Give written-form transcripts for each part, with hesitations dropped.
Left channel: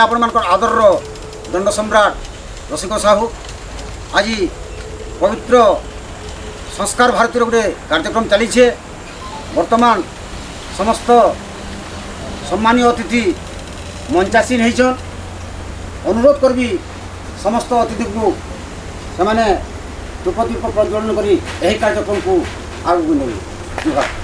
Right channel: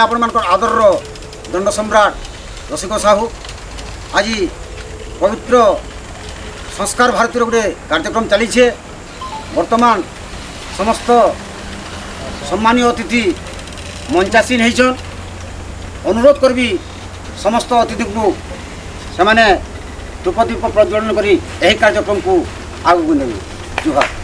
आपण मानकर आदर दंड सम्राट रसिक साहू आज पवित्र संस्कार भारती गोटे कार्यक्रम चली वर्तमान समस्त सम्मानीय अतिथि मंचासीन होइछन। अनुरोध करबी समस्त अतिथि को से धूपदीप प्रज्वलन करी यही कार्यक्रम को आगू नेबे। जुहार।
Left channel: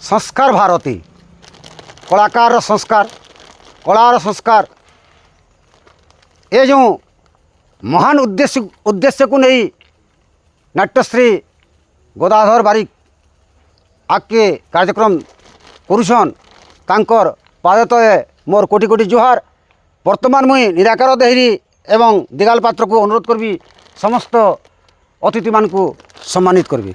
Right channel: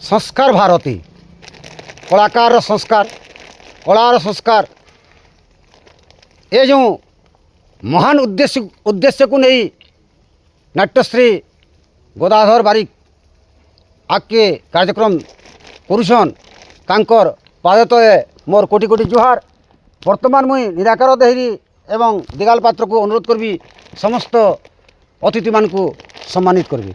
संस्कार भारती कलाकार संस्कार कलार संस्कार ये जो महान उद्देश्य को नहीं नाट्यश्री गदाधर बारिक आके कार्यक्रम करुछन तांकर पाद तले मोर कोटि कोटि जुहार। वर्तमान मुई निराकार देहरी एवं दिगाल पात्र को अनुरोध करबी समस्त अतिथि मान को सम्मानित करबी।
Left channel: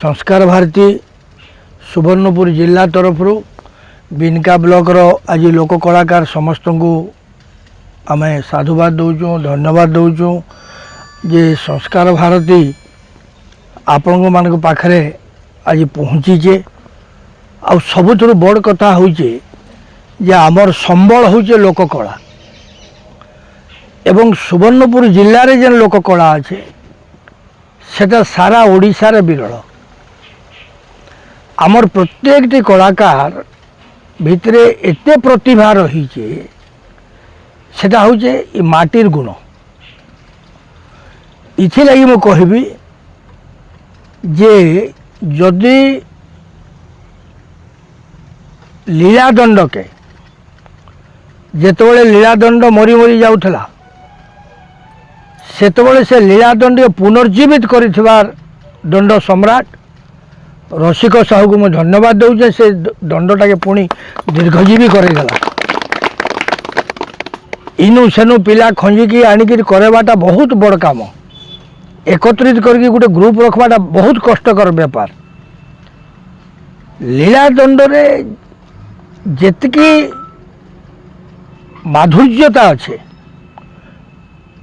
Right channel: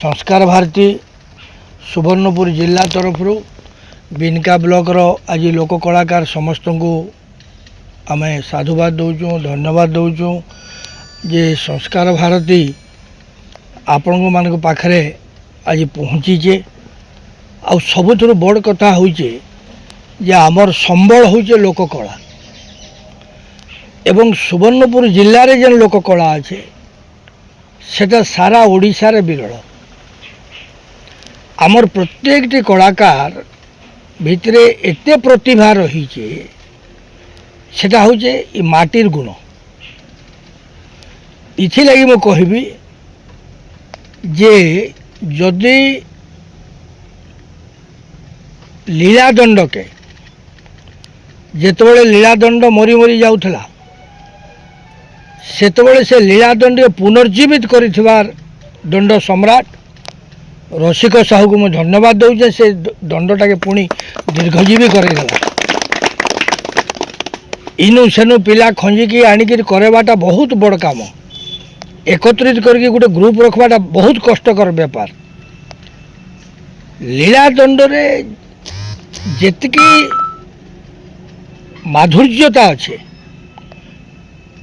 संस्कार भारती सुवर्णपुर जिला तरफ बिनका ब्लॉक आज लोक कलाकार समस्त को आम साधुवाद दौचु धन्यवाद दौचु जे संस्कार भारती आपण मान पाखरे आज पहुँचीचे आ सबुठ बड़ कथा होचे जे आमर संबल होचे लोक कला एवं सुवर्णपुर जिले में जेन लोक कला अच्छे सेटा सारा ओडिशार विरल। आमर प्रत्येकटी कलाकार भितरे एते प्रतिभा रही सेटा होचे माटिर गुण। इथि लगी मु कहबी जे जदि लीलादंड के जेतबेले लीलादंड मरी मरी जाउथला सेतबेले से लीलादंड के पुनर्जीवित करिथिबार दंड सम्राट रसिक साहू को मैं धन्यवाद दूचे से दंडटा के पुणी दीर्घजीवी करेगला। इनु सेनु पिला खंजिकी आणिकी करवाटा बहुत बड़ काम एकत्रित करके गोटे ग्रुप रखवाटा बहुत कष्टकर व्यापार। लीलादंड रे जेतकी माधुर्यता अच्छे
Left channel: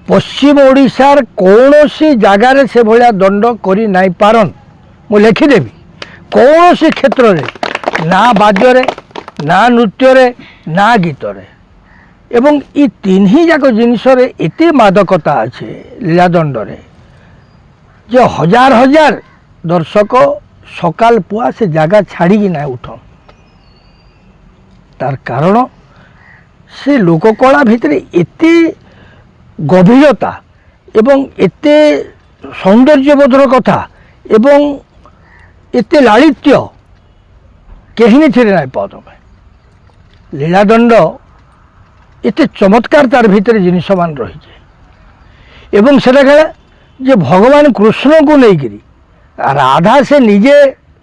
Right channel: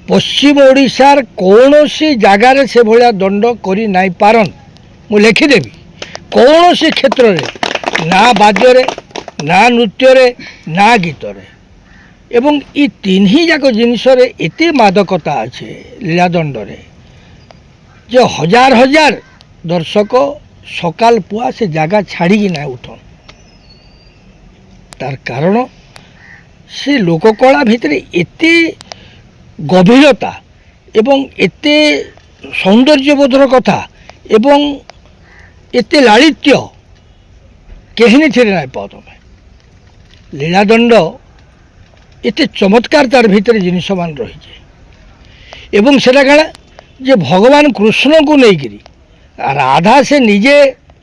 पश्चिम ओडिशार कौनसी जगार से भलिया दंड करी नाई पारन मु लिखिदेवी। कौन से क्षेत्र रे ना वाद्य रे ना नृत्य रे ना गीत रे एवं ये तीन ही जाक जिनस एते मादकता अच्छे लीलादंड रे जो हजार हजार दर्शक सकाल पुआ से जगह छाड़ी ना उठन तार कारण से लोककला भितर एते गभीरता एवं एते सौंदर्यबोधर कथा एवं एते लालित्य कहीं थी ना पाओ तुम। लीलादंड एते चमत्कार तार भीतर जिनस मान रही एवं सेटा कह जे भगवान कृष्ण को लेकिरी राधा से निजे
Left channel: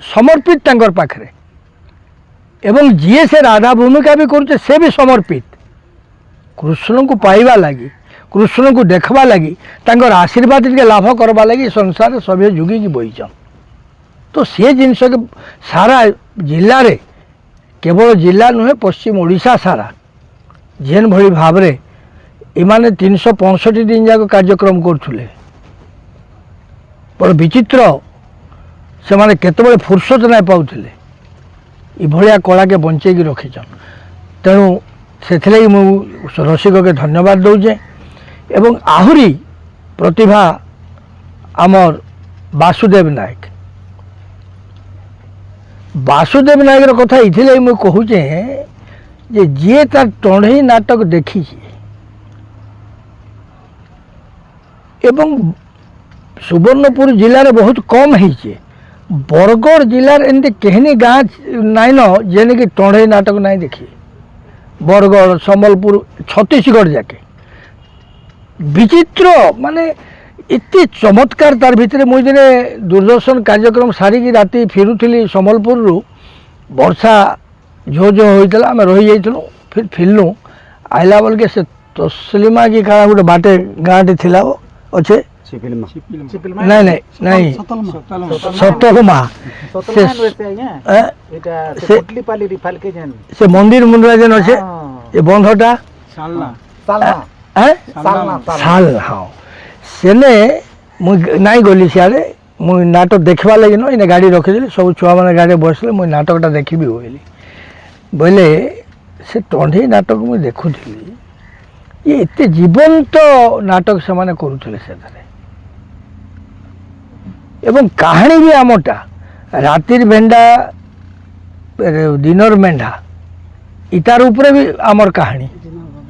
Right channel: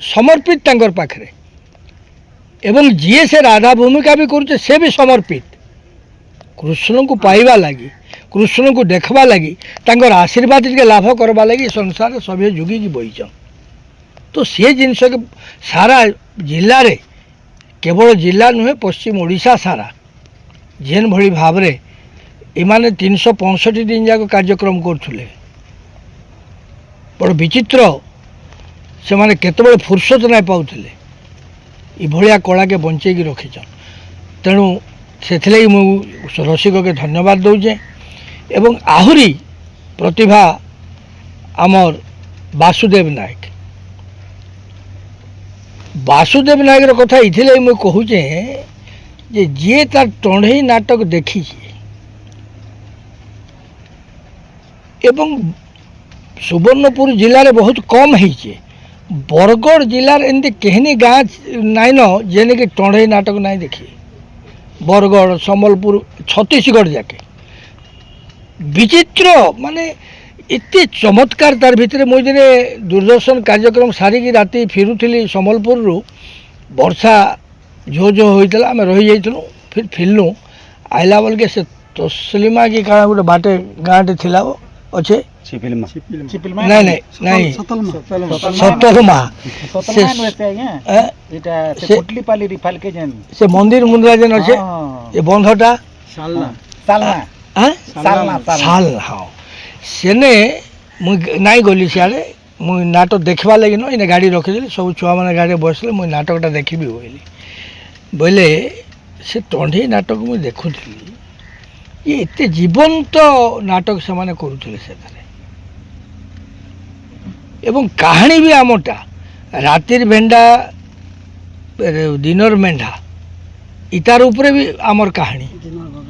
समर्पित तांकर पाखरे एवं जी से राधा भूमिका भी करुचे से भी समर्पित कृष्ण को पाइबा लगी कृष्ण को देखवा लगी तांकर आशीर्वाद के लाभ करवा लगी संसार सभी जुगी की बहीचन। तो सी जिनस के सारा जिले रे केवल जिला नुहे पश्चिम ओडिशा सारा जेन भली भाव रे इमाने 365 दिन जाक कार्यक्रम करुले बड़ विचित्र से माने केतबेले फुर्सत ना पाउथिले इभलिया कला के बंचेकी रखीचन। तेणु से रसिक के धन्यवाद दौचे एवं आहुरी प्रतिभा आमर वासुदेव नायक कथा इथिले मुझे कहूचे जे जी तार टंढई नाटक देखी एवं सुवर्णपुर जिले बहुत कम है बरगढ़ जिलार एमती कहनी गाँ नाइन जेने कि टंढई नाटक नहीं देखी बरगढ़ सम्बलपुर छत्तीसगढ़ जाके विचित्र माने एते चमत्कार तार भितर मुझे दिने दूरदर्शन कार्यक्रम सारिकी राति फेरुली सम्बलपुर वर्षा झो झो होता आम रही जाइलु फिर फिरलु आइला बेल के से तस्लिमा की काना गोटे बाटे गाँटे थिला अच्छे नहीं नहीं नहीं सतलमा से मंदिर मुंद्रा जेन अच्छे ये बंधटा साल हाँ सेने मुई नाई गली सियाड़े मुई नाटक देखवा लगी न इने गाड़ी रखीदेली सब छुआ मैंने गाड़ी बसले मुई नाटकटा देखी बोली बोले से टंढई नाटक मुई देखुली ये एते जीवंत नाटक से माने करुले से एवं कहानी भी आमटा रातिर भेंडा दिनर मेंढा इतार उपरे भी आमर कहानी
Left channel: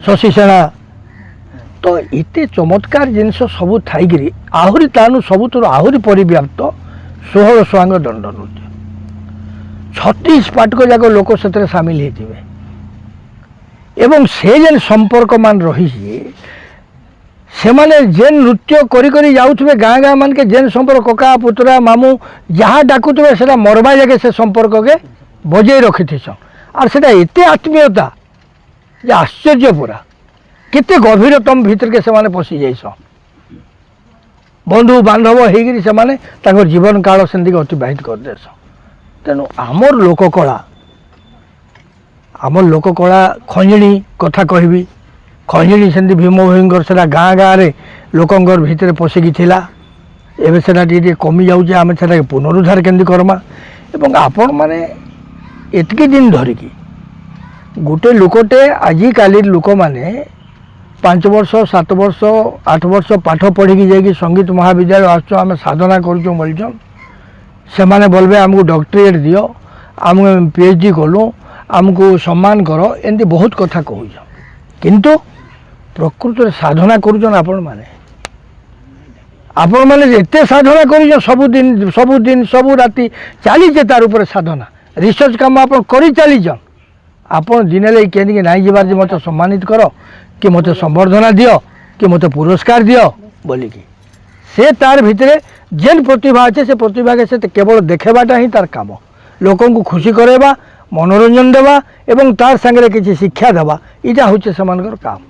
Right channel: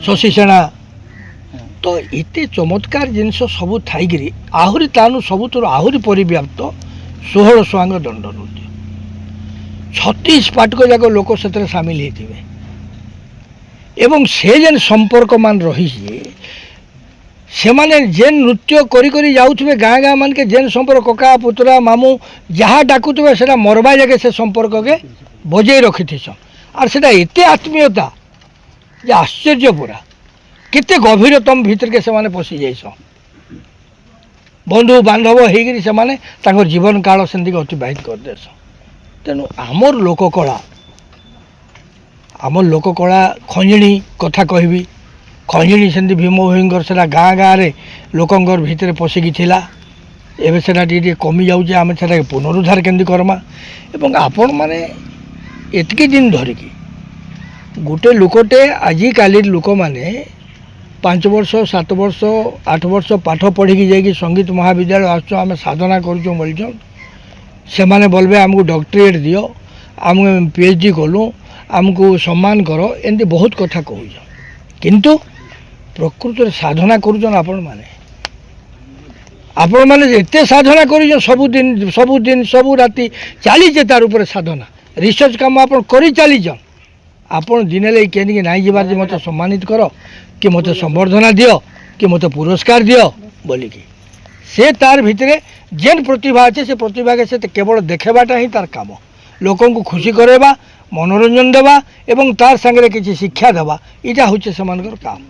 शशि सेना तो एते चमत्कार जिनस सबू थी आहरी तानु सबुतर आहरी परिव्याप्त 16 स्वांग दंड नृत्य 36 पाटक जाक लोक से सामिल होते एवं से जेन संपर्क मान रही से माने जेन नृत्य करी करी जाउथबे गाँ गाँ मान के जेन संपर्क कका पुतरा मामू जहाँ डाकुवे से मरवा जाके से संपर्क के बजे रखी और से एते आत्मीयता जे आश्चर्य पूरा केते गभीरतम भीतर के से पशि जाइस बंधु बांधव होगी से जीवन काल से अतिबाहित कर देस तेणु आमर लोककला खंजणी कथा कहबी खंजणी से भीम भोईर से गाँ गाँव में लोकंर भितर पशिकी थिला एवं से कमी जाऊे आम से पुनरुद्धार केमती करमा एवं आपण मैंने एतकी दिन धरिकी गोटे लोकटे आजिकाली लोक मैंने 5 वर्ष 7 वर्ष 8 वर्ष पाठ पढ़ी जाकि संगीत महाविद्यालय आस आम साधना करूँ बोलचन से माने बोलबे आमको डॉक्टरेट दियो आम PhD कलु आमको सम्मान कर एमती बहुत कथा कहूँ किंतु प्रकृत साधना करुचन आपण माने एते साधना कर सबुदिन सबु राति चलीचे तार उपर साधना रिसर्च काम आप कर चलीचन आपण दिने लगे कहीं नाई जबार मत सम्मानित कर कि मत संबर्धना दियो कि मत पुरस्कार दियो बोलिकी से तार भितरे जेन प्रतिभा अच्छे से प्रतिभा के से केवल देखेबाटा ही तार काम लोकन को खुशी करेबा मनोरंजन देवा एवं तार संगे किसी शिक्षा देवा इटा होचे समानकर काम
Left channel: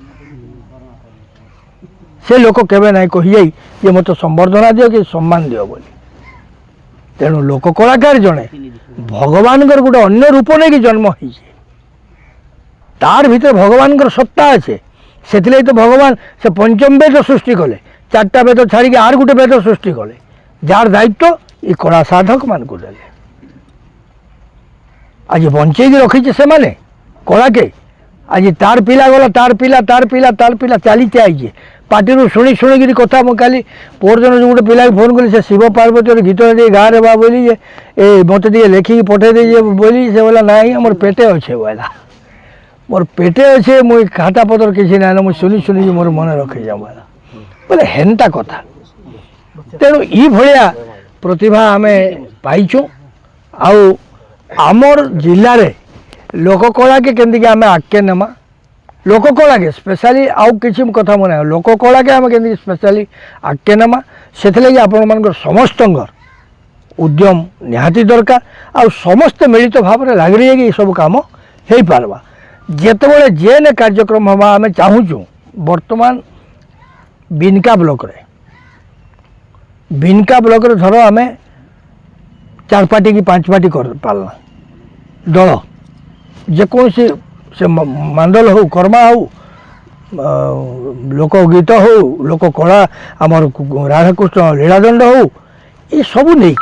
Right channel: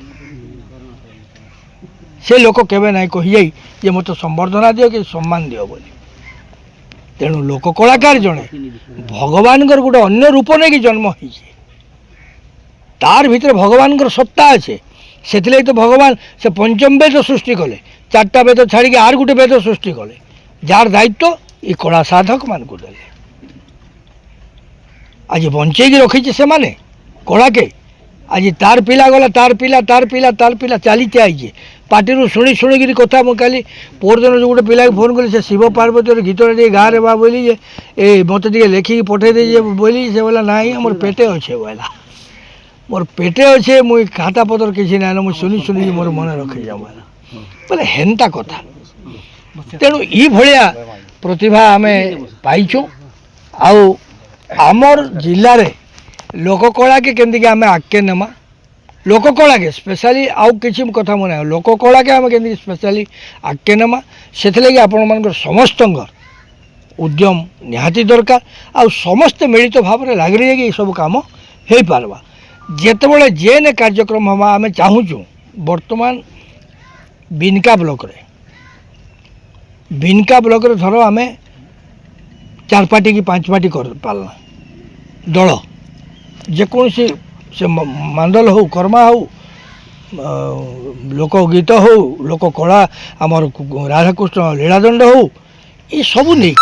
से लोक केबे नहीं कही जाई जे मत संबर्धना दियो कि सम्मान दियो बोली तेणु लोक कलाकार जड़े भगवान गोटे अन्य रूप नहीं कि जन्म हो तार भीतर भगवान सत्ता अच्छे से तो भगवान से पंचम वेद सृष्टि कले 4टा वेद छाड़ी आर गोटे वेद सृष्टि कले जार दायित्व ये कला साधक मान को दे आज बंचेगी रखी से माने कला के आज तार पिला गला तार पिला चलीते आईजे पार्टी शुणी शुणिकी कथा मुझे काली पोर दिन जो गोटे पिला फोन कली से शिव पार्वती गीत गाँ रे बा बोली जे ए मत लिखिकी पठे दे बोली से बोला ना मोर पेटे अच्छे बोला मोर पेटे अच्छे मुझे खाता पतर किसी ना मुझे शुणी शुणिकी मोर मन रखी जाऊँ बोले हेन्ता कथा तेणु ये भाया प्रतिभा आम पाइचु आमर जिले में लोककला के केमती आम आगे नेमा लोककला के स्पेशली आउ किसी कथा मन लोककला के आम के स्पेशली आगे नेमा से आपण मान समस्त उद्यम निहाती दरकार आ समस्ते मिलित भाव में लग रही है कि सब कम हो पार्बा जितेबाला जेन कार्यक्रम हवा आम चाहूँ बर्तमान बिनका ब्लॉक रे धर आम 4 पार्टी कि 5 पार्टी कर पालना दल जेकोसी से मांडल हो कर्मा हो लोकगीत हो लोककला आमर राधाकृष्ण लीलादंड हो ये सब नहीं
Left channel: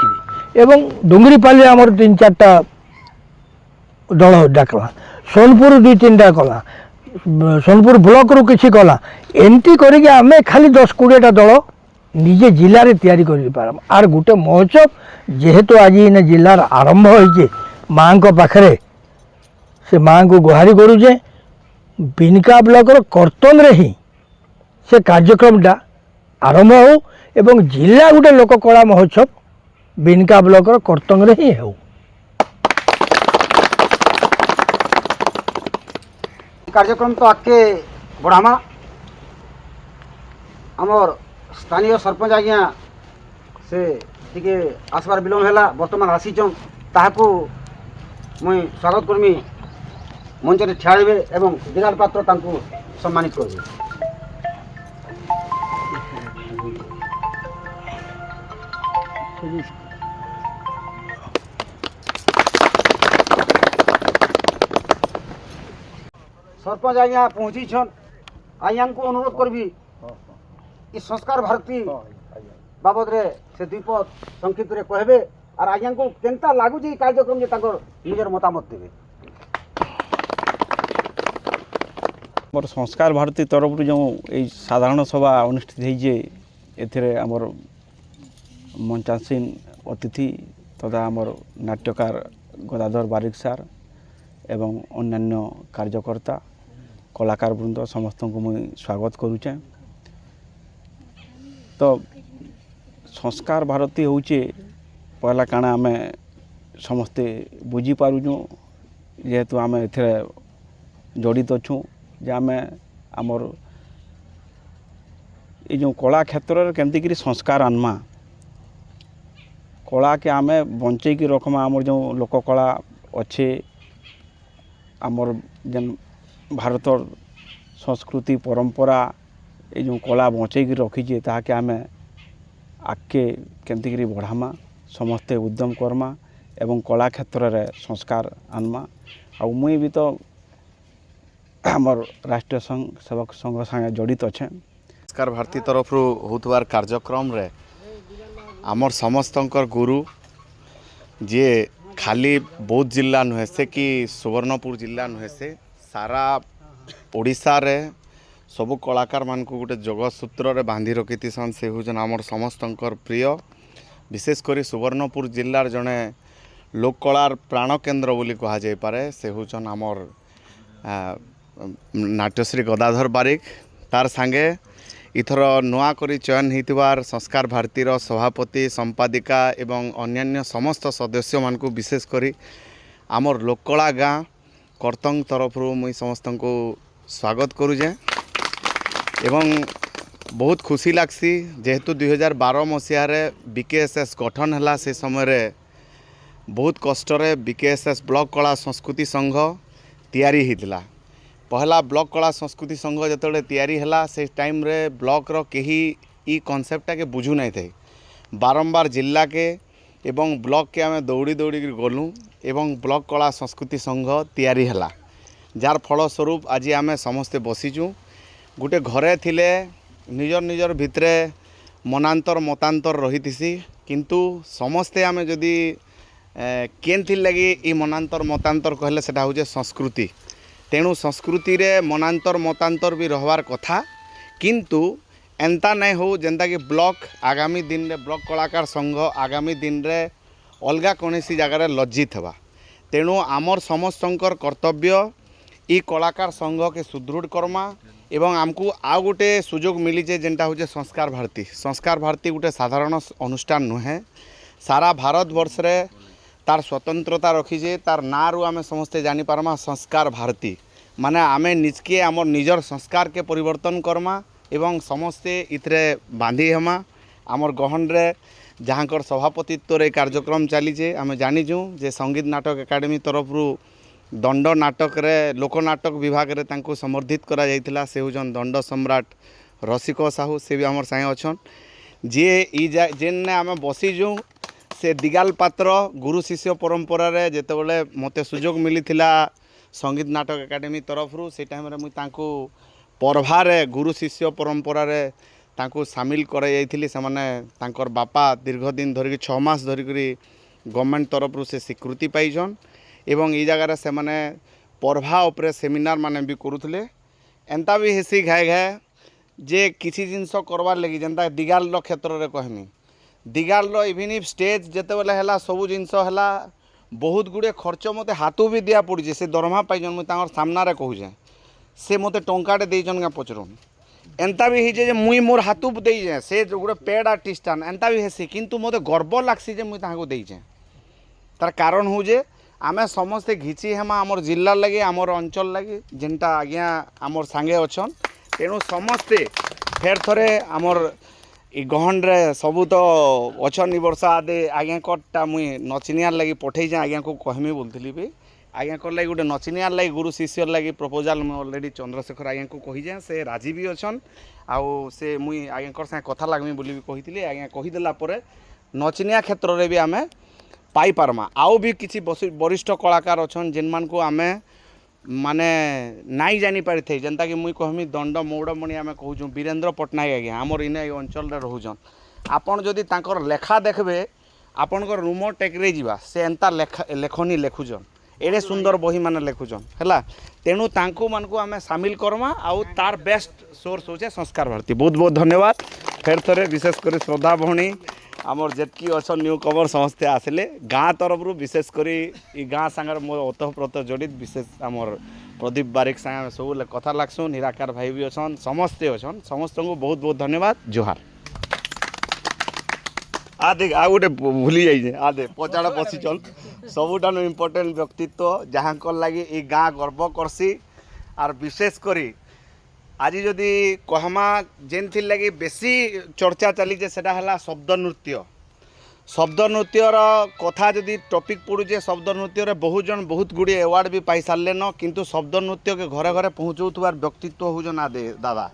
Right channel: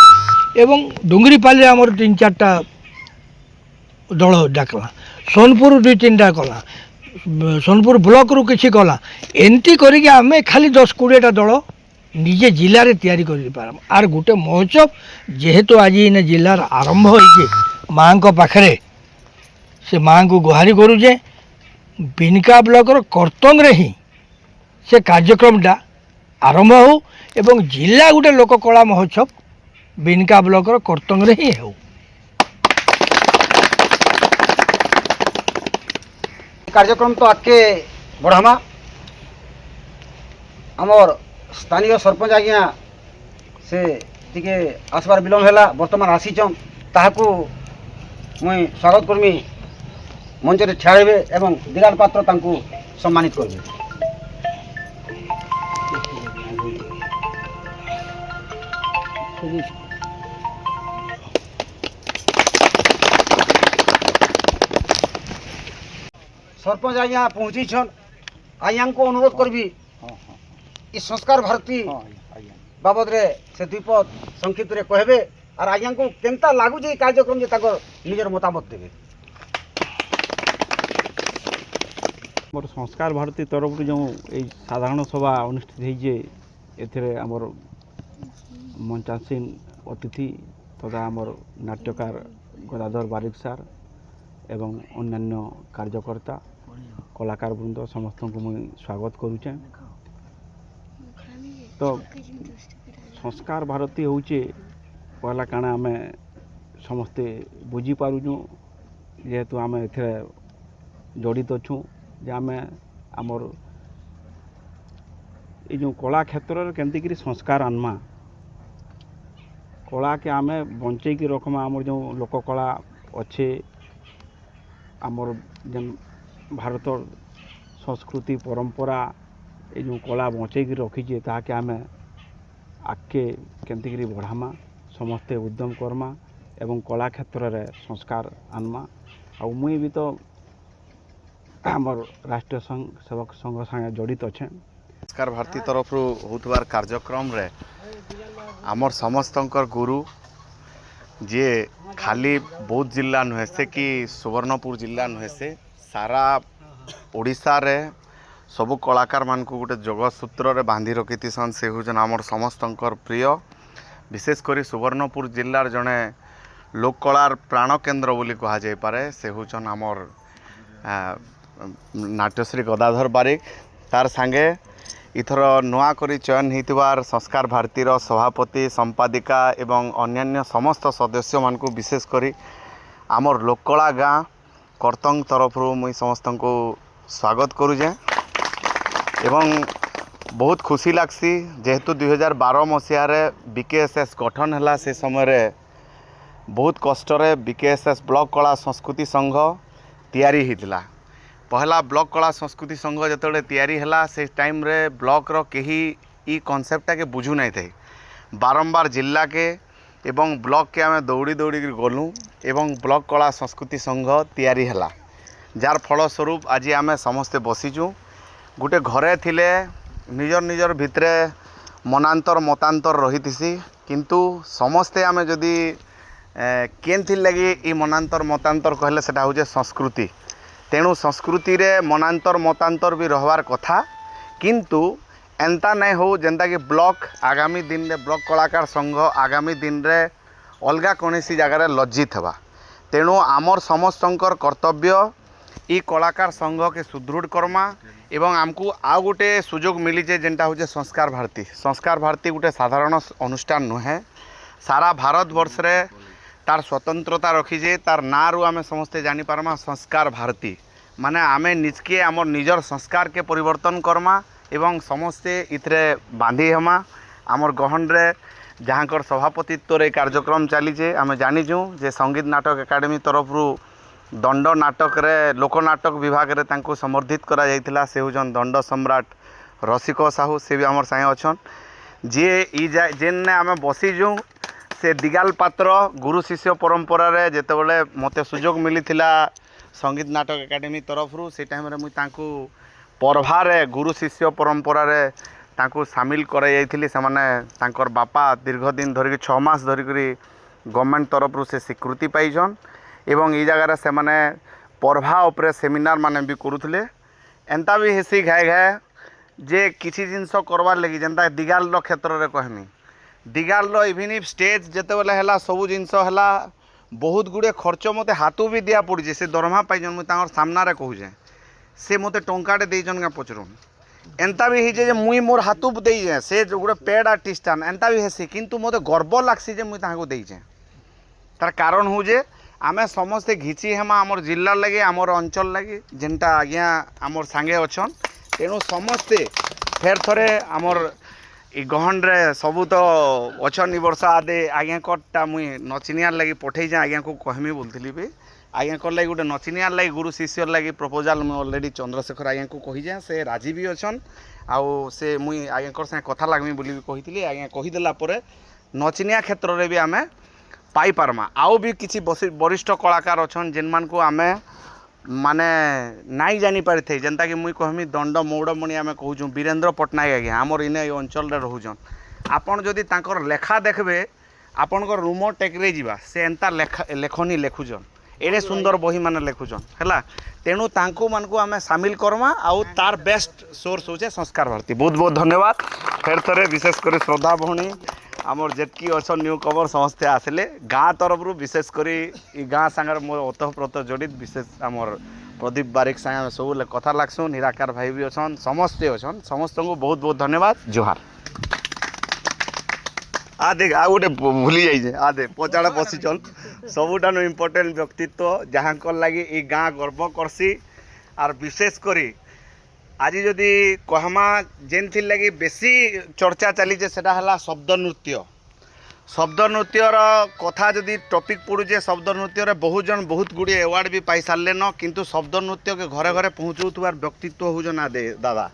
एवं डुंगरीपाली आमर 3-4टा दल डाकला सोनपुर 2-3टा कला सोनपुर ब्लॉक रु किसी कला एमती करके आम खाली 10-20टा दल निजे जिले में तैयारी कर पारम आर गोटे महोत्सव जेहेतु आज इन जिलार आरंभ होइए माँ को पाखरे से माँ को गुहारी करुचे बिनका ब्लॉकर कर्तन रे ही से कार्यक्रमटा आरंभ हो एवं जिला गोटे लोक कला महोत्सव बिनका ब्लॉकर कर्तन रे ही हो। कार्यक्रम तो आगे बढ़ामा आमर स्थानीय सरपंच आज्ञा से टिके आसबार विलम्ब है बर्तमान आसीचन ताहाकू मुई स्वागत करमी मंच में ठियाबे एवं दिगाल पात्र तांकू सम्मानित करबे। सरपंच आज्ञा पहुँची छन आज्ञा को अनुरोध करबी इस संस्कार भारती बाबद रे से द्विपद संक्षिप्त रे कहबे और आज्ञा को केनता लागू जे कार्यक्रम जे ताकर निजर मतामत देबे। मोर संस्कार भारती तरफ जो साधारण सभा अनुष्ठित होइजे एथिरे आमर मंचासीन अतिथि तथा आमर नाट्यकार गदाधर बारिक सार एवं अन्यान्य कार्यकर्ता कलाकार वृंद समस्त को मुझे स्वागत करुचे। तो संस्कार भारती होचे पहला काना आम समस्ते बुझी पारुचु जेहेतु आम एथे जड़ित अच्छु जे आम आमर ये जो कला क्षेत्र केमती संस्कार आनमा कला के आम बंचे की रखमा आमर जो लोककला अच्छे आमर जेन भारतर संस्कृति परंपरा ये जो कला बंचे की रखीचे ताके आम आगे केमती बढ़ामा समस्ते उद्यम करमा एवं कला क्षेत्र रे संस्कार आनमा आ मुई भी तो आमर राष्ट्रीय संघ सेवक संघ संगे जड़ित अच्छे। संस्कार भारती तरफ होतबार कार्यक्रम रे आमर समस्तंकर गुरु जे खाली बौद्ध जिला नुहे से कि सुवर्णपुर जिला नुहे से सारा ओडिशा रे सबु कलाकार मान को गोटे जगसूत्र रे बांधी रखी सन से होजन आमर समस्तंकर प्रिय विशेषकर सुवर्णपुर जिलार जड़े लोककलार प्राण केन्द्र बोली कहा जाय पारे से होजन आमर नाट्यश्री गदाधर बारिक तार सांगे इथर नुआ करी चयन होइतिबार संस्कार भारतीर सभापति संपादिका एवं अन्यान्य समस्त सदस्य मान को विशेष करी आमर लोककला गाँ कर्तंग तरफ मुई समस्त को स्वागत करुचे एवं बहुत खुशी लागसी जेहेतु 2012 मसीह बीकेएसएस गठन है से समय बहुत कष्टर बीकेएसएस ब्लॉक कला संस्कृति संघ तैयारी होता पहला ब्लॉक कला संस्कृति संघ जो तैयारी है से टाइम रे ब्लॉक रो कहीं ई कॉन्सेप्टा के बुझू नहीं थे बारंबार जिला के एवं ब्लॉक के आम दौड़ी दौड़ी गलु एवं ब्लॉक कला संस्कृति संघ तैयारी है जार फलस्वरूप आज आम समस्ते बसीचु गोटे घरे थिले निजर निजर भितरे मनांतर मतांतर रही किंतु समस्ते आम जदि केन थी लगी ई मनांतर मतांतर कहले सेटा होजे संस्कृति तेणु संस्कृति रे मनांतर मतांतर भी रहबार कथा किंतु एंता नहीं हो जेंता कि ब्लॉक आगामी दिन रे ब्लॉक कलाकार संघ आगामी दिन रे अलगा कौनसी जगार लज्जित हवा तेणु आमर समस्तंकर कर्तव्य ई कलाकार संघ के सुदृढ़ करमा एवं आमको आउ गोटे सुजोग मिलीचे जेनटा होचे संस्कार भारती गोटे साधारण अनुष्ठान नुहे सारा भारत वर्ष रे तार स्वतंत्रता रखीजे तार ना रु आमे समस्ते जानी पारमा संस्कार भारती माने आमे निजके आमर निजर संस्कार के परिवर्तन करमा एवं समस्ते इथरे बांधी हमा आमर गहन रे जहाँकर सभापतित्व रे कार्यक्रम चलीचे आमे जानिचु जे संगीत नाटक एकाडेमी तरफ रु दंड नाटक रे लोकनाटक विभाग रे तांको समर्थित करा जायतिला से होजन दंड सम्राट रसिक साहू से भी आमर साए अछन जे ई जेन आमे बसीजु से दिगाल पात्र गुरु शिष्य परंपरा रे जेतेबेले मते सुजोग मिलिथिला संगीत नाटक एकाडेमी तरफ रु से टाइम रे मुई तांको पर्भा रे गुरु शिष्य परंपरा रे तांको शामिल करा जायथिली से माने तांकर बापा दीर्घ दिन धरिक 6 मास धरिक गवर्नमेंट तरफ रु से स्वीकृति पाइछन एवं ई जगार से माने पर्भा उपरे सेमिनार माने भी करुथले एंता भी हेसी घाए घाए जे किसी जिनस करवार लगी जेनता दिगाल क्षेत्र में कहमी दिगाल इभिन स्टेज जिते बेले है सब जिनस है बहुत गुड़े खर्च मत हाथू भी दिया पड़े से दरमा पाइजन मुझे सामना कहूचे से मत टंकाटे देचन क्या पचरुन एंता भी होचे मुई मोर हाथू देजे से गोटे पेड आर्टिस्ट एंता भी हेसी किंतु मत गर्व लागसी मुझे देचे तार कारण हूँ जे आमे समस्ते घिची हेमा आमर जिला लगे आमर अंचल लगे जेनटा आज्ञा आमर सांगे अच्छन तेणु समस्ते फेर थरे आमर इ गहन रे सबू तो अच्छन वर्ष आदे आज्ञा कटा मुई नचिनियार लगी पठे आज्ञा को कहमी बोलती भी आज्ञा कर लगे गोटे नचिनियार लगे गुरु शिष्यर लगे प्रपोजाल मुझे अलरेडी चंद्रशेखर आज्ञा को कही जाए से राजी भी अच्छन आउ से मुई आज्ञा साथ कथा लागमी बोली भी कही आज्ञा कहीदेला नचिनिया क्षेत्र में भी आम पाई पारमा आउ भी किसी वरिष्ठ कलाकार अच्छन जिन मान को आमे माने नाई जानी पारि थे जेनता कि मुई कहमी दंड मौड़मणि आमे कहूँ वीरेंद्र पट्टनायक आज्ञा आमर इने अंचल रे रहउछन आपन जदि तांकर लेखा देखबे आपनकर रूम टेकरे जीवा से एंता लेखनी लेखुछन एड़े सुंदर बही माने लेखुछन हैला तेणु तांको मानकु आमे शामिल करमा आउ तार बेस्ट सोर्स होचे संस्कार भारती बहुत बहुत धन्यवाद फेर थरे विशेष कर श्रद्धा भौणी आमर जेतकी अच्छन न्यू कवर समस्ते आसिले गाँ तरफ विशेष करी गाँ सांगर मोर ओतप्रोत जड़ित विशेष आमर प्रदीप बारिक सांगे सब कथा लागसु निराकार भाई भी अच्छन समस्ते अच्छन समस्त को बहुत बहुत धन्यवाद जोहार आ देख आ गोटे भूली जाइए आ दे पचाड़ा पशि चल सबुठान इम्पोर्टेंट व्यक्तित्व जहाँ लगी ई गाँ गर्व करसी आर विशेष करी आज जदि कहमा जेन थी लगी बेसी चर्चा चली सेटा है शब्द नृत्यर कथा जदि टॉपिक पड़ुचे शब्द नृत्य बहुत जन बहुत गुड़े अवार्ड भी पाई सारे न किंतु शब्द नृत्य के घरे घरे पहुँचाऊर व्यक्तित्व हूँ दादा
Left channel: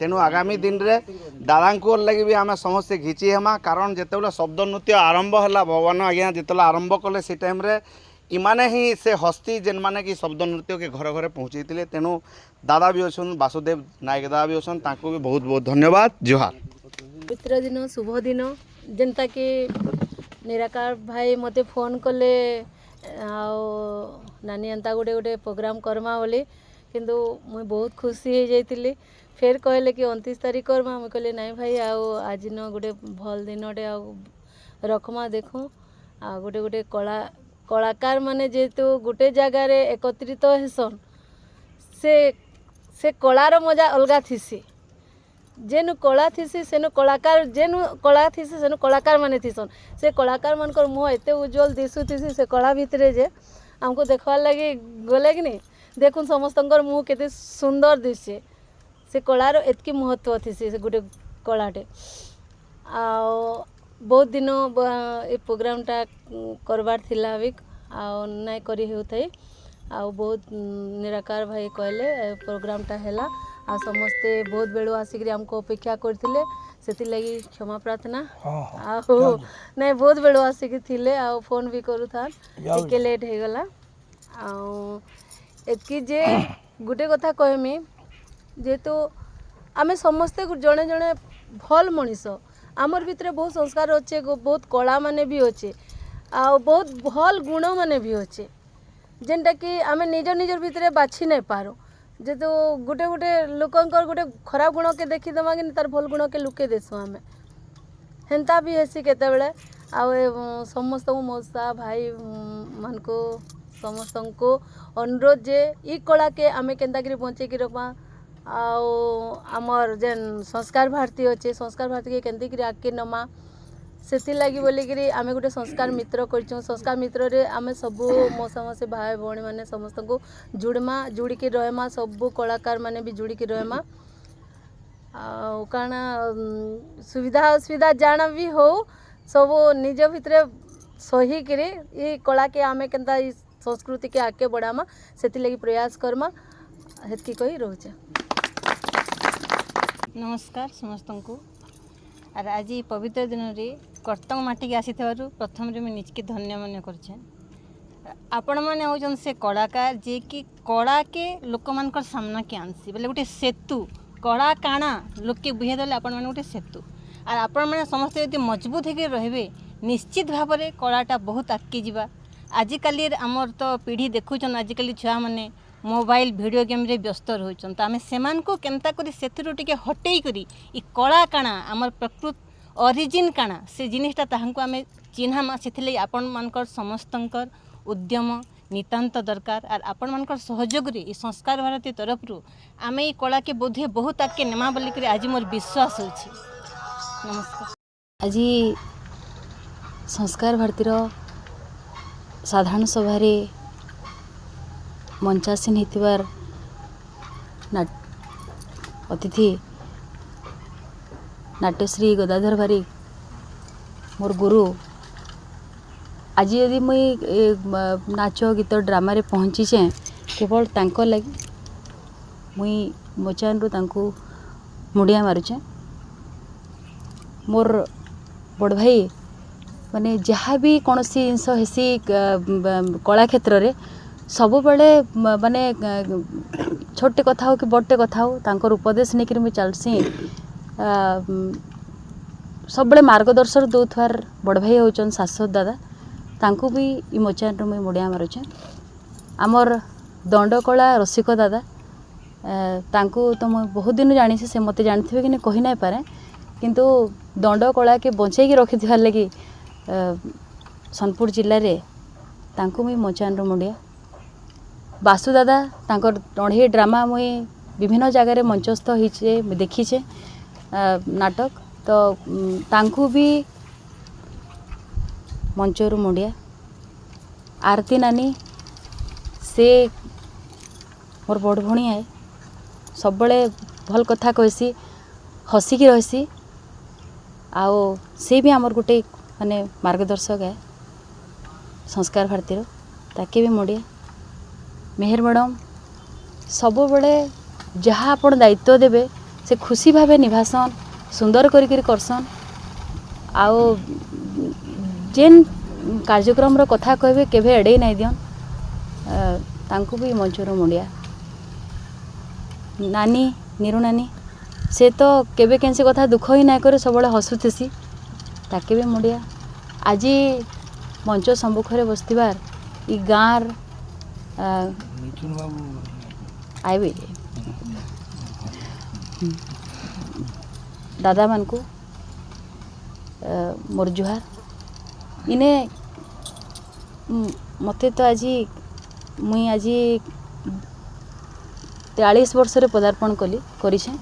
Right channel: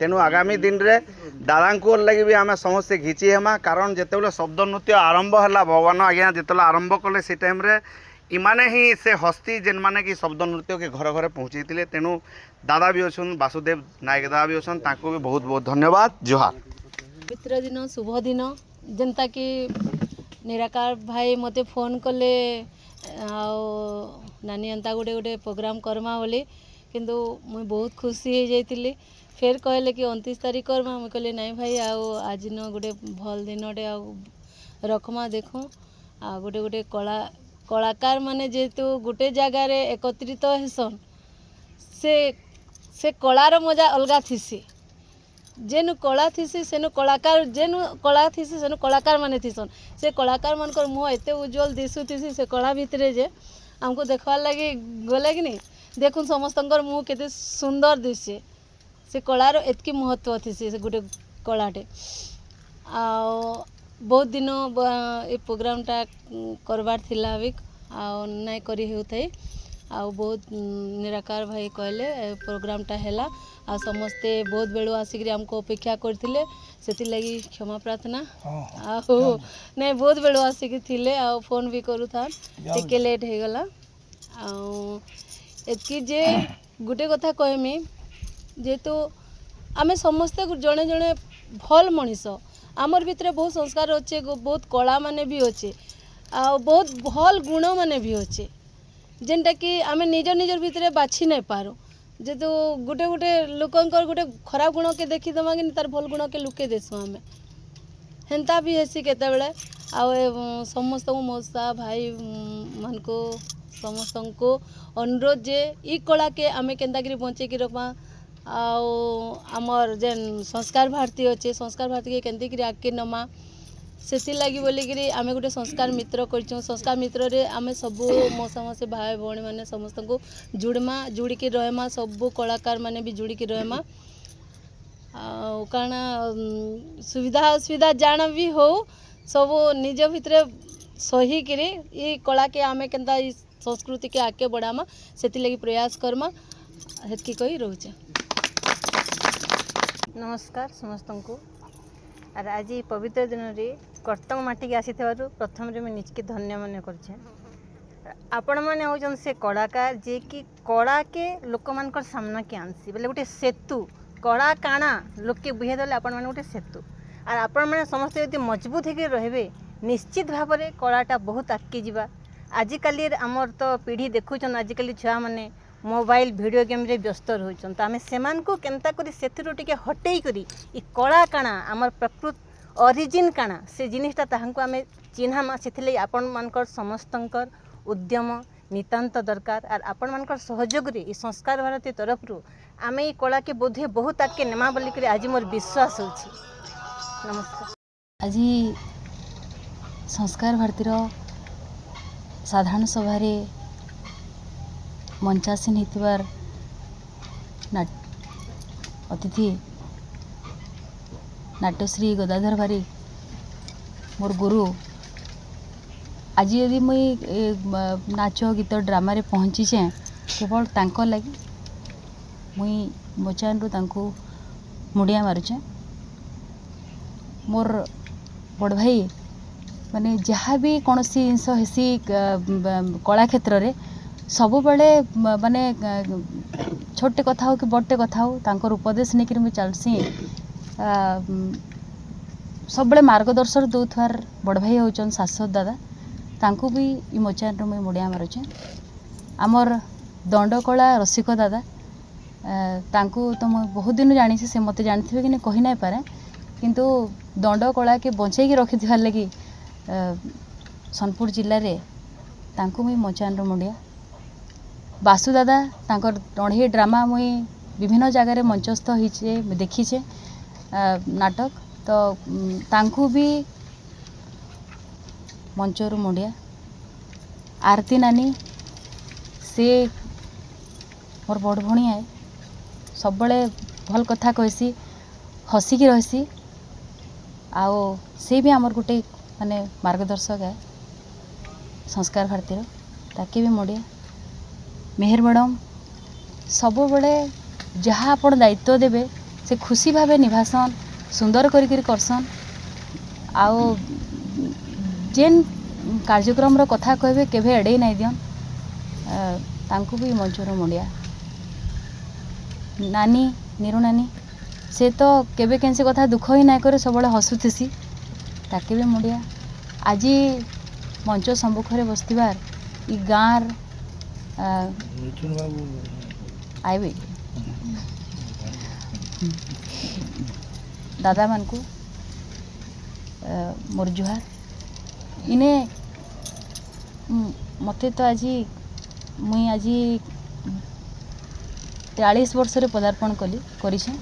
तेणु आगामी दिन रे दादा को लगी भी आम समस्ते घिची हेमा कारण जिते शब्द नृत्य आरंभ है भगवान आज्ञा जिते आरंभ कले से टाइम रे इमाने ही से हस्ती जेन माने कि शब्द नृत्य के घरे घरे पहुँचे तेणु दादा भी अच्छन वासुदेव नायक दादा भी अच्छन तांको भी बहुत बहुत धन्यवाद जोहार पितर दिन शुभ दिन जेनता कि निराकार भाई मते फोन कले नानी एंता गोटे गोटे प्रोग्राम करमा बोली किंतु मुई बहुत खुशी हो जाइली फिर कहले कि 29 तारीख करमा मुई कहले नाई भाई आज न गोटे भल दिनटे रखमा देखूँ गोटे गोटे कलाकार माने जेहेतु गोटे जगार एकत्रित हेसन से कलार मजा अलगा थीसी जेनु कला थीसी सेनु कलाकार जेनु कला थीसी सेनु कलाकार माने थीसन से कलाकार मानकर मुँह एते उज्जवल दिशुथीसी से कला भितरे जे हमको देखवार लगी गले कि नहीं देखुन समस्तंकर मुँह केते सुंदर दिशे से कलार एतकी महत्व थीसी से गोटे कलाटे बहुत दिन ये प्रोग्रामटा करबार थिला भी नाई करी होथाई बहुत निराकार भाई कहले प्रोग्रामटा हैला आ समस्ते बहुत बेलू आसिक आमको अपेक्षा करथिले सेति लगी क्षमा प्रार्थना नहीं बहुत बेलू आसिक थिले फोन भी करू था टिके लेट हो गला एतकी जे गोटे कथा कहमी जेहेतु आमे समस्ते जड़े जड़े भल मनीष आमर भितर बहुत संस्कार अच्छे बहुत कला माने भी अच्छे आ बहुत भल गुण माने भी अच्छे जेनटा कि आमे निज निजर भितर बाछि नहीं पारो जेहेतु गोटे गोटे लोकंकर गोटे खराब गुण के देखीदमा कि तार भल गुण के लुके देसु आमे हेन्ता भी हेसी केतेबेले समस्त मौसा भाई मान को समस्त को अनुरोध जे ई कला के आमे केन्ता करी बंचे की रखमा आमर जेन संस्कार भारती अच्छे संस्कार भारती के केंती करी आगे नमा से लगी बोलिकी आम गोटे संस्कार मित्र कर संस्कार मित्र रे आम सबू मौसा मौसी भाई भौणी मैंने समस्त को जुड़मा जुड़िकी रहमा सबू कलाकार माने भी जुड़िकी रहमा कारण सुविधा असुविधा जाना भी हो सब निज भितर सही करे ये कला के आमे केंता संस्कृति के आगे बढ़ामा से लगी प्रयास करमा हेतकी कही रोचे। नमस्कार समस्त को आर आज पवित्र दिन में कर्तंग माटी आसी प्रथम मुझे निजके धन्य मन कर मैंने हूँ से कलाकार जे कि कला के लोक मान सामना के आनसी बोले गोटे सेतु कला काଣା लोक के बुझे देले आपण माने गोटे सेतु आर आपण मैंने समस्त यदि मजबूत होकर रहे निश्चित भाव में कलाटा बहुत आगे जावा आजिकल आमर तो पीढ़ी देखुन आजिकल छुआ मैंने मोबाइल वीडियो गेम रे व्यस्त रहउछन तो आमे सेमान को केनता करी सेथिरु टिके हटेई करी ई कला काना हमर प्रकृत ओरिजिन काना से जिनिसटा ताहांको आमे चिन्हामा सेथिले आपण मानकर समस्तंकर उद्यम नितांत दरकार आर आपण मानकर सहयोग रे ई संस्कार भारती तरफ रु आमे ई कला के बोधे बहुत आके नेमा बोली करी आज मोर विश्वास होछि। नमस्कार। आज संस्कार भारतीर साधारण सभा मंचासीन होतिबार अतिथि नाट्यश्री गदाधर बारिक मोर गुरु आज यदि मुई नाच गीत ड्रामा रे पहुँचीचे केवल तांको लगी मुई मोचान रु तांको मुड़िया मारुचे। मोर बड़ भाई माने जहाँ भी कौन सी जिनस हेसी कला क्षेत्र रे सब बड़े माने छोटे कथा हो कि बड़े कथा हो तांकर उपदेश नहीं करी मुई चलसी सब बड़े मार्गदर्शन दौथार बड़ भाई होचन शाश्वत दादा तांको भी ई मोचान मुई मुड़िया मारुचे। आमर दंडकला रसिक दादा तांको तो मुई बहुत दिन जानी से मते जानथिबे कि नहीं कहि नहीं पारे किंतु दंडकला के बंचेई रखि लगी सोनपुर जिले रे तांको मुई मोचान मुड़िया। बासु दादा तांकर टढ़ी ड्रामा मुई विभिन्न जगार मंचस्थ होइछे देखीछे नाटक तो तांको भी मंचरू मुड़िया। आरती नानी से मोर बड़ भणी है सब बड़े भल कथा कहसी हसिकी रहसी आओ से भी आमर गोटे माने मार्गदर्शक है संस्कार भारतीर ताके भी मुड़िया। मेहर मैडम सब बड़े जहाँ आपण दायित्व देवे से खुशी भावे निभासन सुंदर करी करसन आओ जेन कार्यक्रम रो कथा कहबे केभे एड़े नहीं दियन तांको भी मंचर मुड़िया। नानी नीरू नानी से तो केबे केनसे कथा दुख ही ना करे सब हसुथेसी ताके भी मुड़िया। आज मंच सम्मुखरे बसतिबार ई गाँर आइबे दादा मान को मोर जुहार इने मते तो आज मुई आज 43 वर्ष रे पदार्पण कली करिछे।